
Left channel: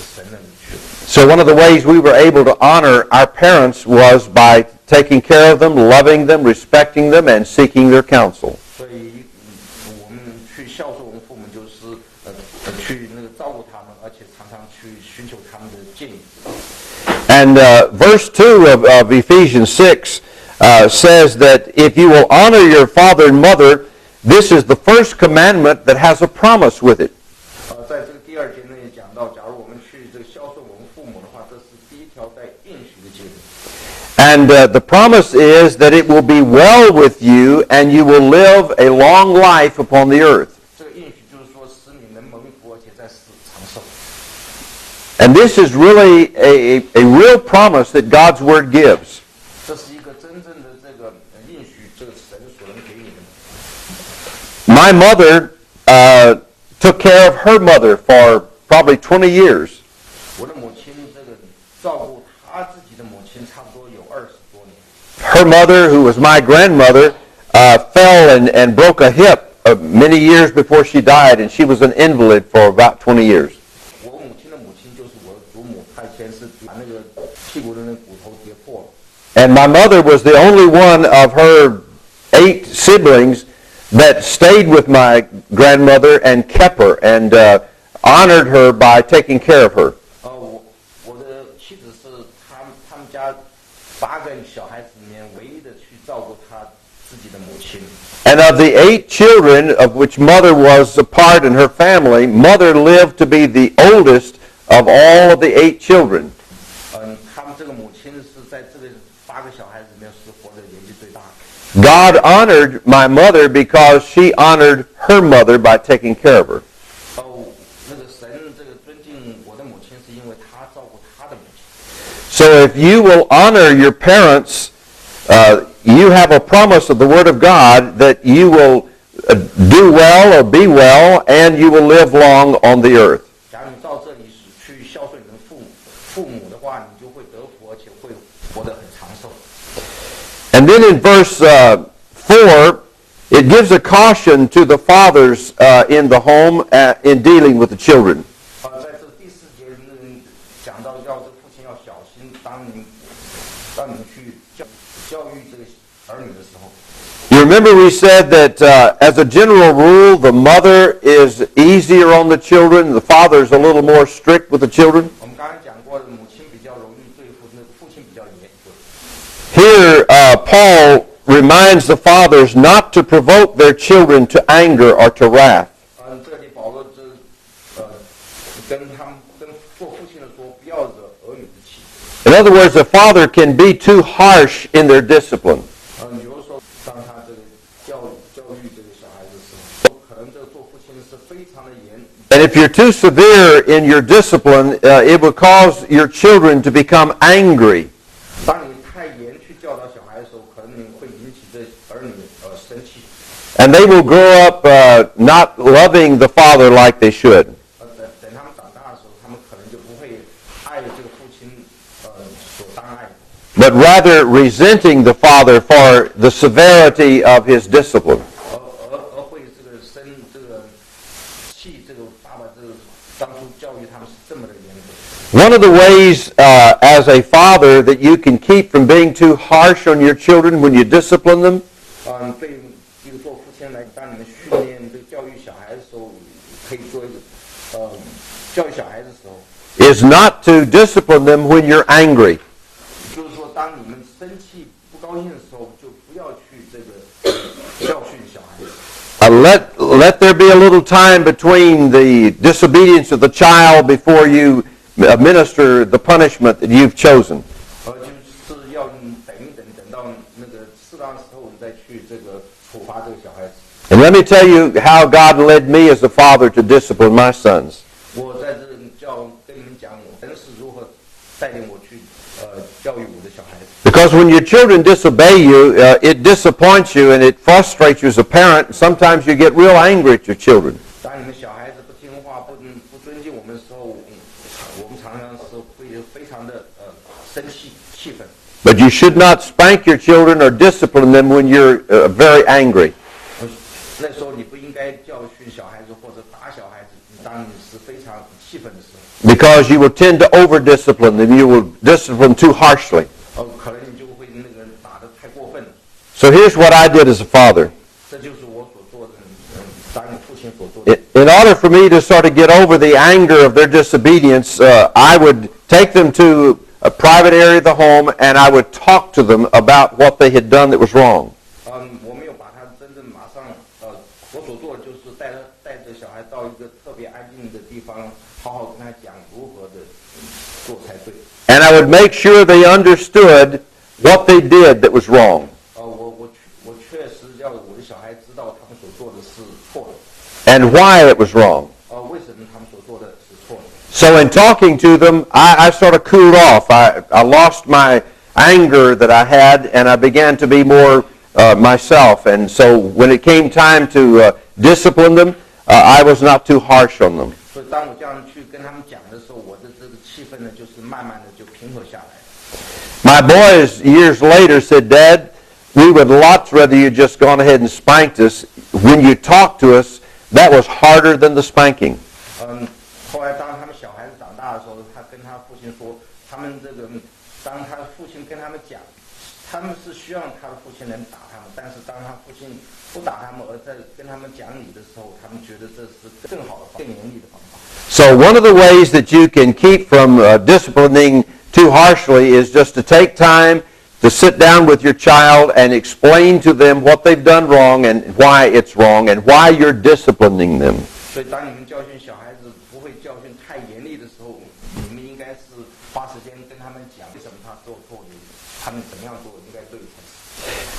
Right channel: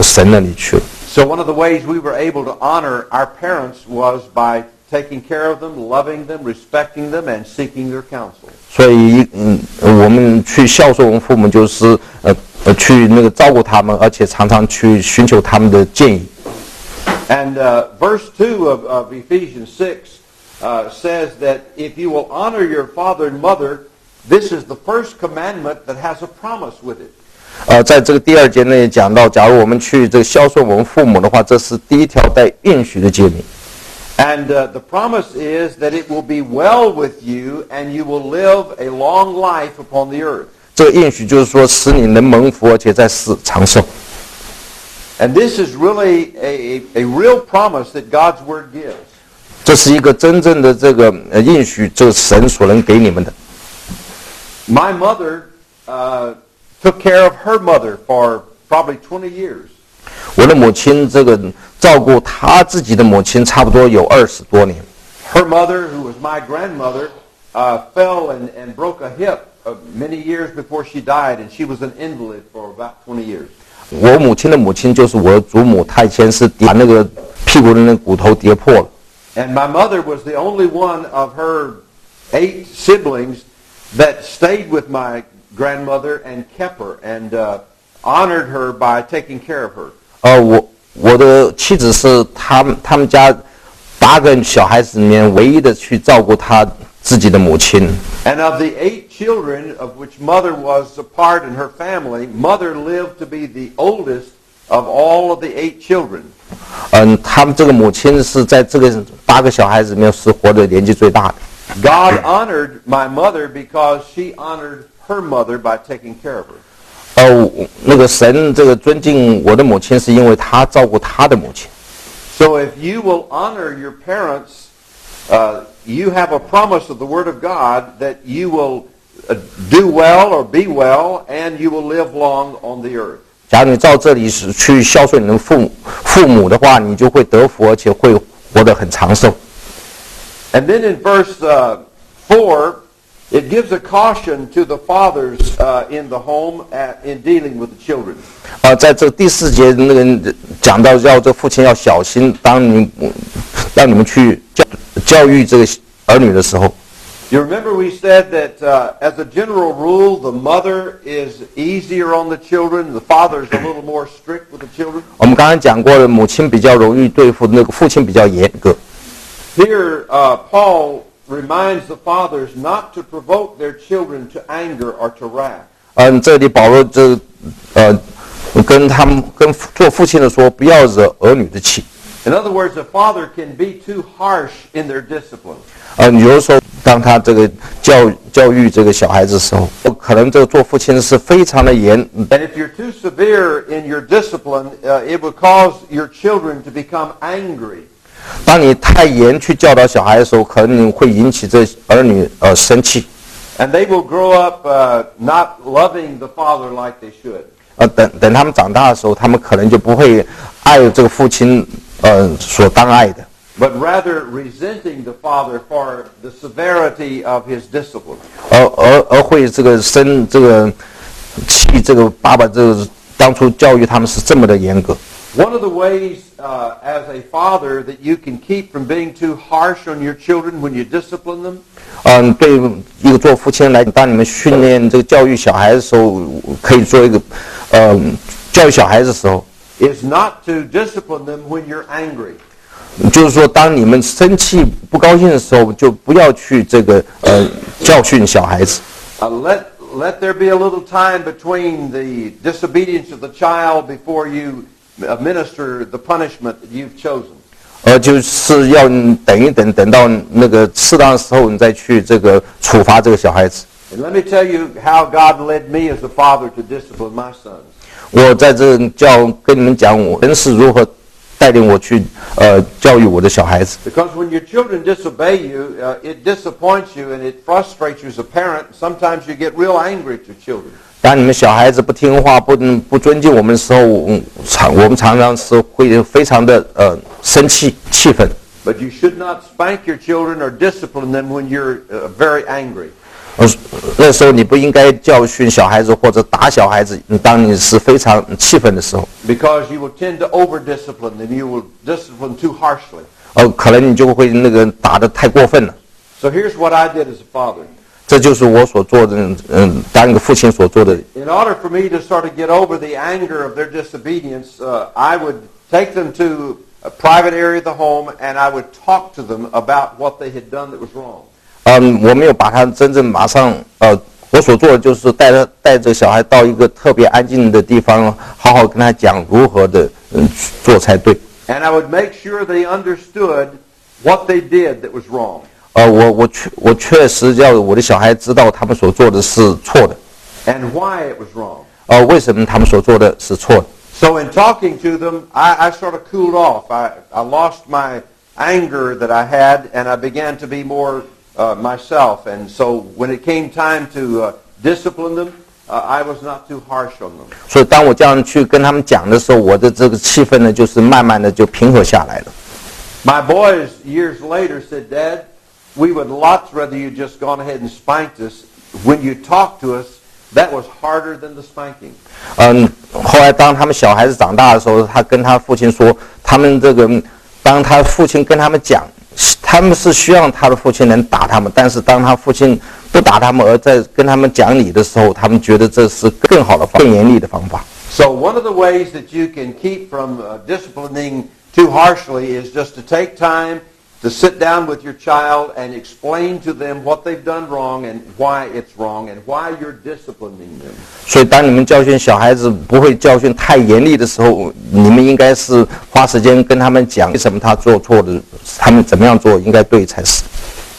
神那里去了。So one of the ways we were able to honor our parents was by taking care of them, loving them, respecting them, and seeking their counsel. 所以我们去孝顺我们父母，就是去那个照顾他们，而且常常去寻求他们的建议。And verse 2 of Ephesians 6 says that if you will honor your father and mother, this is the first commandment that has a promise with it. 在这个第2节内讲到，假如我们去这个孝顺我们父母的话，这是第1条带应许的诫命。And the promise is that it will be well with you and you will live a long life upon the earth. 这个应许就是说，使你能蒙福，而且在世长寿。And this is really a real promise that God's Word gives. 这是一个真正的这个应许，这个神所能给你们的。My mother took care of her mother for probably 20 years. 我的母亲这个照顾她自己的母亲，差不多有20多年。Her mother, who was my grandmother, fell and broke a hip many years before she died, and she was an invalid for about 20 years. 我母亲的母亲就是我的祖母，她以前是把那个屁股的那个骨头跌破了。And my mother was the only one of her 8 siblings that stayed with my grandmother and kept her and honored her by taking care of her. 我的妻子是他们家8个小孩子里面唯一的去照顾她自己的母亲。And of the 8 children of which mother was a part in her family, mother lived to be the oldest of all of the 8 children. 他们这个母亲是在这个8个小孩子里面是活得年纪最大的。God honored my mother because she honored her mother by taking care of her. 那个神这个尊敬我的母亲，是因为他照顾他的母亲。So if you will honor your parents, you have a promise of the Word of God that you will do well or be well, and you will live long on the earth. 假如你照这里是去孝顺你的父母的话，你就会得福，而且会活得很长寿。And then in verse 4, it gives a caution to the fathers in the home in dealing with the children. 在这第4节那个讲到要这父亲要小心，让你们去教育这个儿女的时候。You remember we said that as a general rule, the mother is easier on the children, the father is a little more strict with the children. 我们刚才讲过了，母亲比较容易对付，那个父亲比较严格。Here, Paul reminds the fathers not to provoke their children to anger or to wrath. 这里保罗跟做父亲的说，不要惹儿女的气。In other words, the father can be too harsh in their discipline. 有的时候，当他这个教育这个小孩子的时候，可能这个做父亲是非常的严。And if you're too severe in your discipline, it will cause your children to become angry. 当你太严去教导小孩的时候，可能会引起这儿女生气。And they will grow up not loving the father like they should. 等他们长大的时候，他们可能就不会爱这个父亲所当爱的。But rather resenting the father for the severity of his discipline. 而会生气这个爸爸当初教育他们是这么的严格。One of the ways as a father that you can keep from being too harsh on your children when you discipline them. 对一个做父亲来讲，当你们训练这个教育小孩的时候，可以做一个教育小孩的时候 is not to discipline them when you're angry. 就是说，当你们生气、不高兴的时候，就不要去教训小孩子。Let there be a little time between the disobedience of the child before you administer the punishment that you've chosen. 就是要等一等，等到那个适当的时候，你再去处罚这个小孩子。And let me tell you how God led me as a father to discipline my sons. 我在这跟你们讲，我是如何带领我去教育我的小孩子。Because when your children disobey you, it disappoints you and it frustrates you as a parent. Sometimes you get real angry at your children. 当你们小孩子不听话、不尊敬我们的时候，我们常常是会非常的生气、气愤。But you should not spank your children or discipline them when you're very angry. 那时候你不应该教训小孩子或者打小孩子，当你是非常气愤的时候。Because you will tend to over-discipline them. You will discipline too harshly. 可能你就会打得太过分了。So here's what I did as a father. 这就是我所做的，当一个父亲所做的。In order for me to sort of get over the anger of their disobedience, I would take them to a private area of the home and I would talk to them about what they had done that was wrong. 我没有把他真正马上，我所做的就是带着小孩到一个特别安静的地方，好好跟他讲如何的做才对。And I would make sure they understood what they did that was wrong. 我确实要我的小孩知道他们所做的是错的 and why it was wrong. 为什么他们所做的是错的。So in talking to them, I sort of cooled off. I lost my anger that I had, and I began to be more myself. And so when it came time to discipline them, I was not too harsh on them. 所以当我这样去跟他们讲的时候，我的这个气氛呢，就是慢慢的就平和下来了。My boys years later said, "Dad, we would lots rather you just gone ahead and spanked us. When you talked to us, that was harder than the spanking." 后来当他们小孩子长大的时候，他跟他父亲说，当他父亲跟他们讲，他们是希望他的父亲能打他们，但是当他父亲不打他们，而在跟他们讲理的时候，他们觉得这是更好的、更严厉的方法。So one of the ways that you can keep from disciplining too harshly is just to take time to sit down with your child and explain to them what they've done wrong and why it's wrong and why you're disciplining them. 所以当你们教训小孩子不会教训太严厉的时候，你们应该是花时间跟他们讲为什么他做错的，他们怎么样做应该对才是。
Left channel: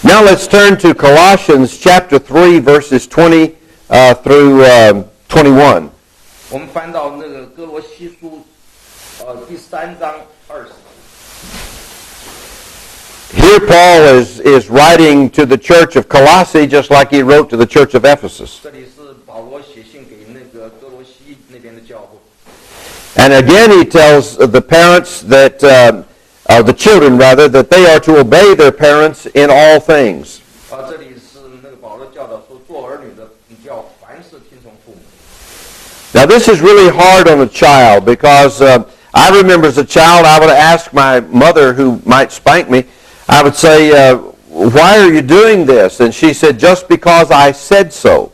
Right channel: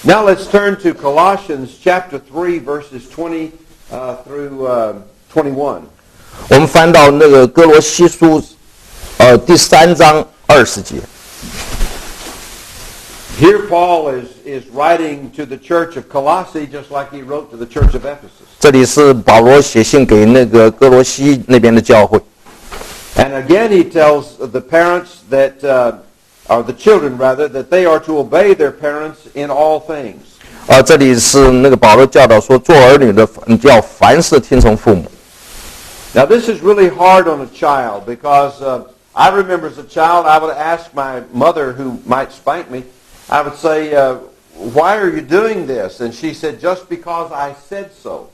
Now let's turn to Colossians chapter 3 verses 20 through 21. 我们翻到那个哥罗西书第3章20节。Here Paul is writing to the church of Colossae just like he wrote to the church of Ephesus. 这里是保罗写信给那个哥罗西那边的教会。And again he tells the parents that, or the children rather, that they are to obey their parents in all things. 这里是那个保罗教导说，做儿女的要凡事听从父母。Now this is really hard on a child because I remember as a child I would ask my mother who might spank me, I would say, why are you doing this? And she said, just because I said so.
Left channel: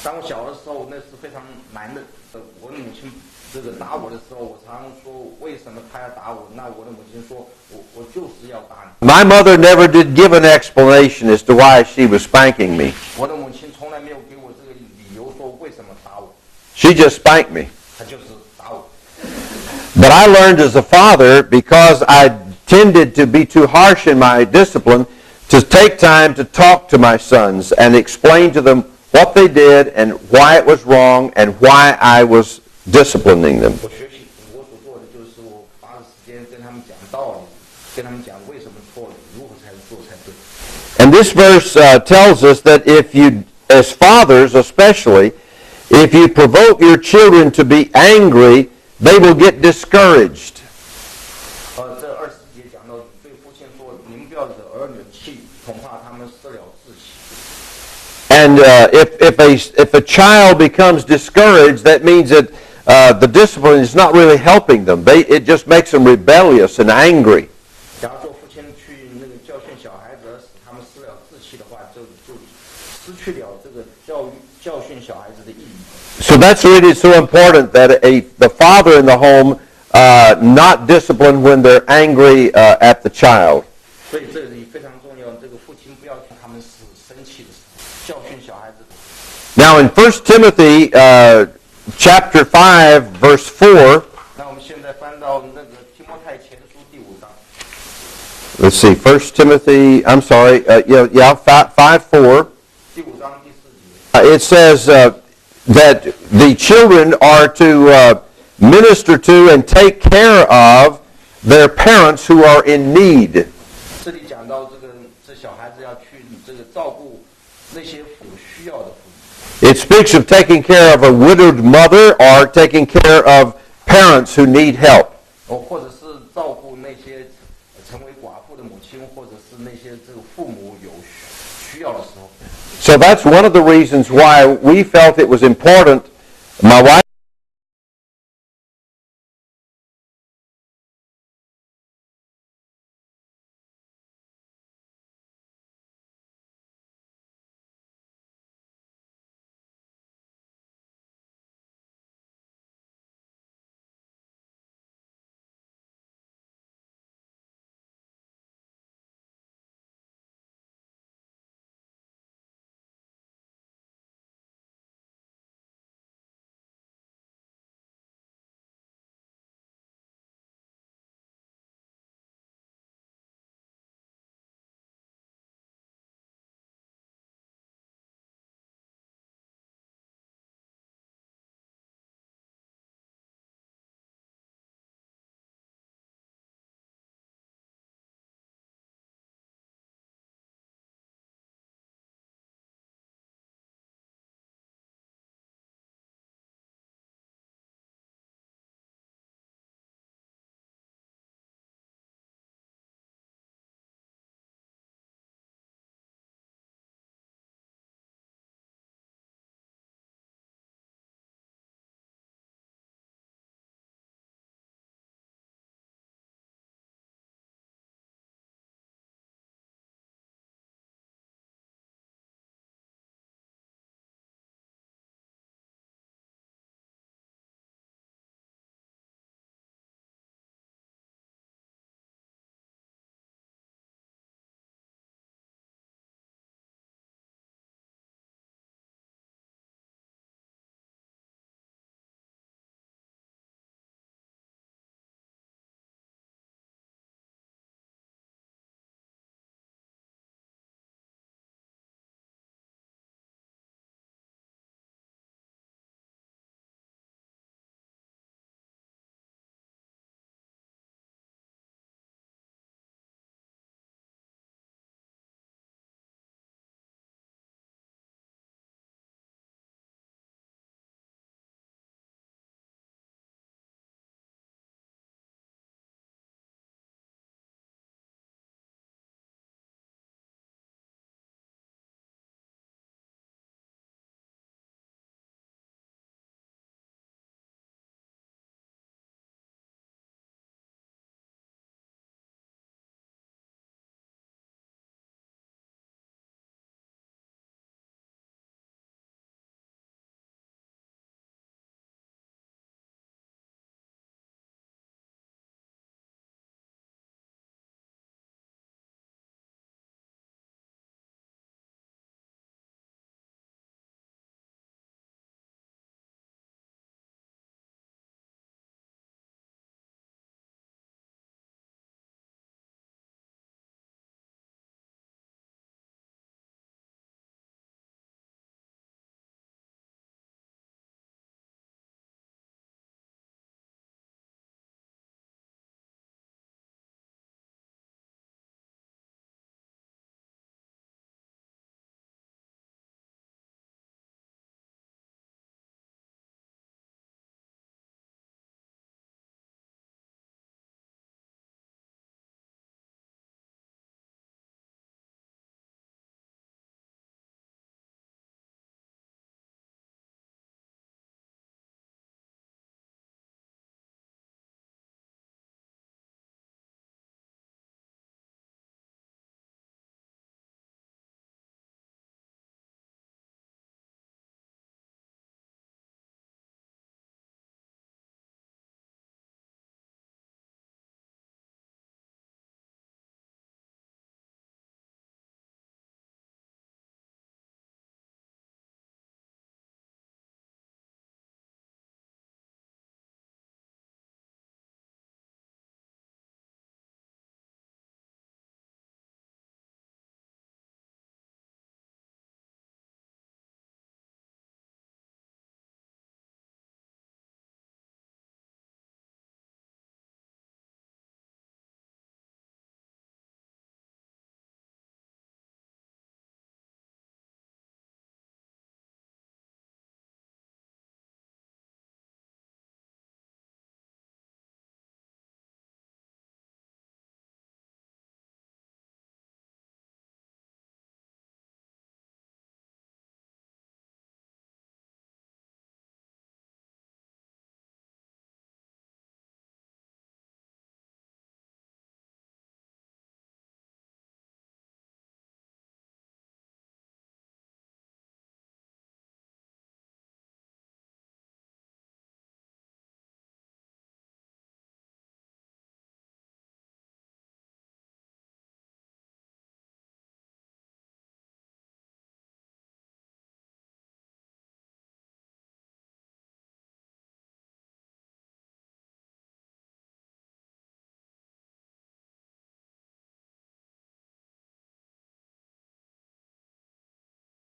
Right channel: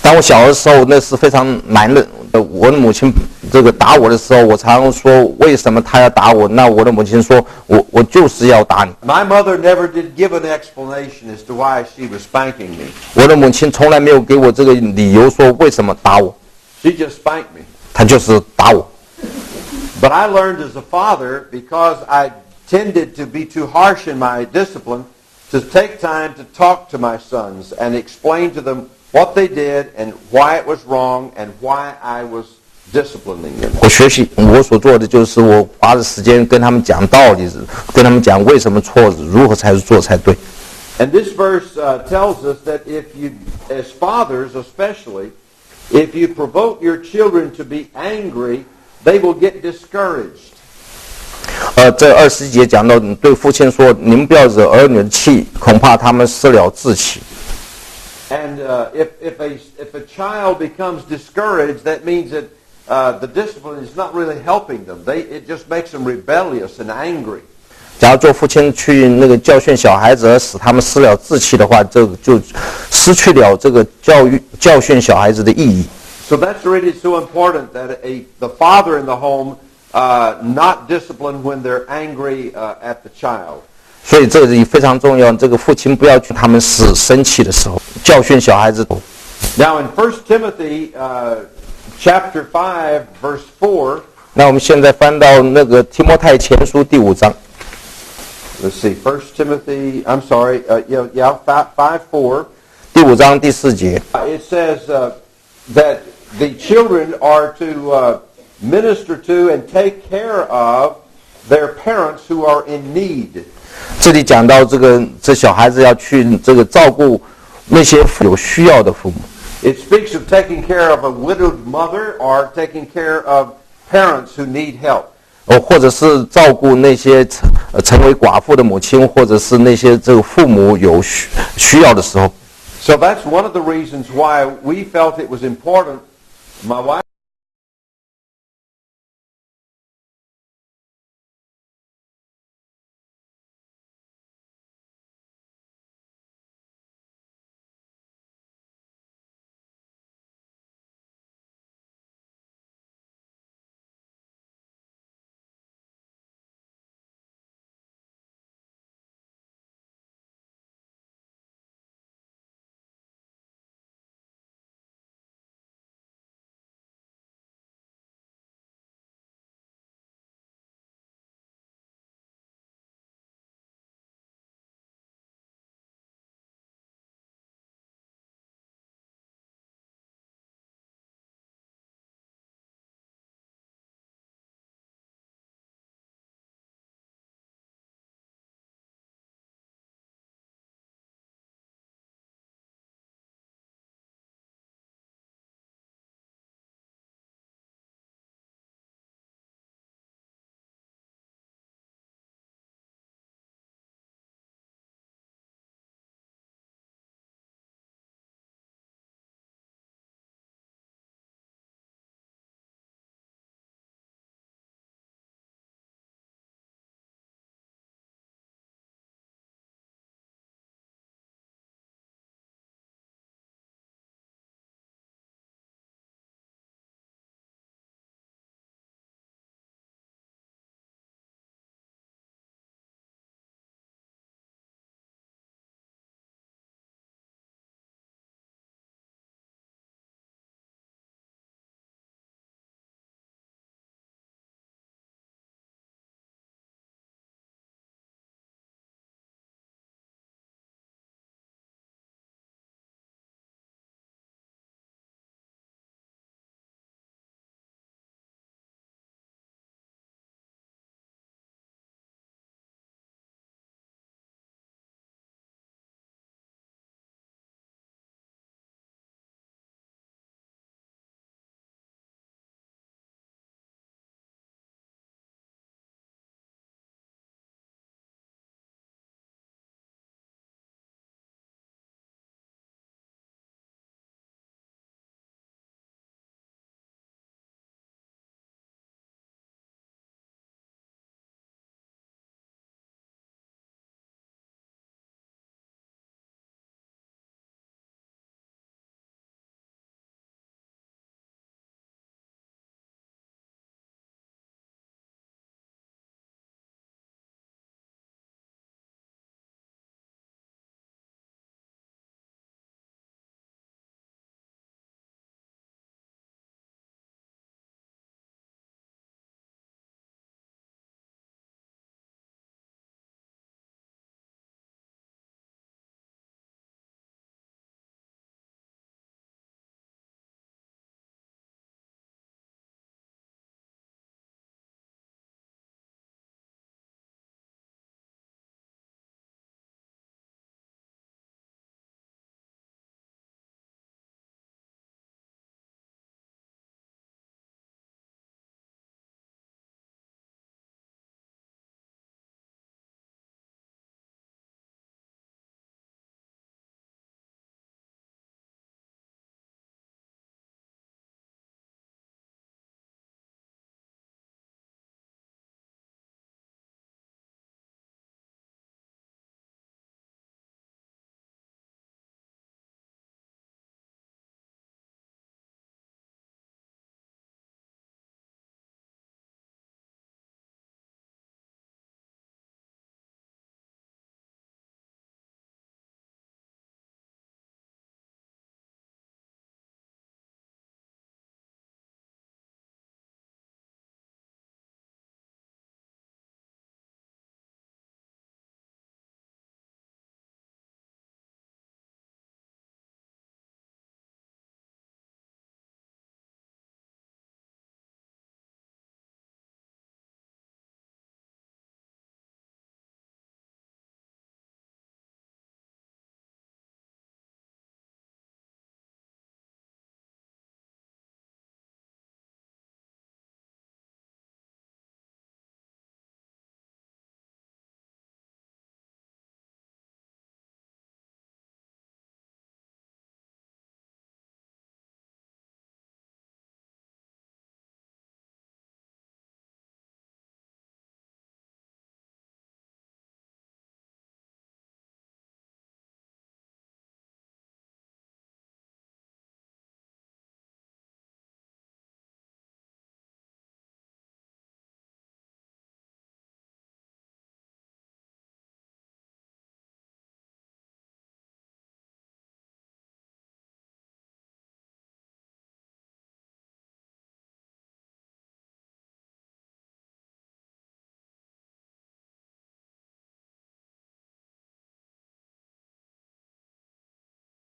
当我小的时候，那是非常难的。我的母亲这个打我的时候，我常说为什么她要打我？那我的母亲说，我就是要打你。My mother never did give an explanation as to why she was spanking me. 我的母亲从来没有给我这个理由说为什么打我， She just spanked me. 她就是打我。But I learned as a father, because I tended to be too harsh in my discipline, to take time to talk to my sons and explain to them what they did and why it was wrong and why I was disciplining them. 我所做的就是我花的时间跟他们讲道理，跟他们讲为什么错，如何才是做才对。And this verse tells us that if you, as fathers especially, if you provoke your children to be angry, they will get discouraged. 这20节讲到，对父亲说，你们不要惹儿女的气，恐怕他们失了志气。And if a child becomes discouraged, that means that the discipline is not really helping them. It just makes them rebellious and angry. 假如做父亲去那个教训小孩子，而使他们失了志气的话，这个就失去了这个教训小孩子的意义。So that's really so important that the father in the home not discipline when they're angry at the child. 所以这里非常重要，这个父亲不要去他们使生气的时候教训小孩子。Now in 1 Timothy chapter 5 verse 4, 那我们现在翻到那个提摩太前书第5章。let's see, 1 Timothy, I'm sorry, 5:4, 第5章第4节。it says that the children are to minister to and take care of their parents who are in need. 这里讲到这小孩子要去这个照顾那些有需要的父母。It speaks of taking care of a widowed mother or taking care of parents who need help. 或者是照顾那些成为寡妇的母亲，或者是那些这个父母有需要的时候。So that's one of the reasons why we felt it was important, my wife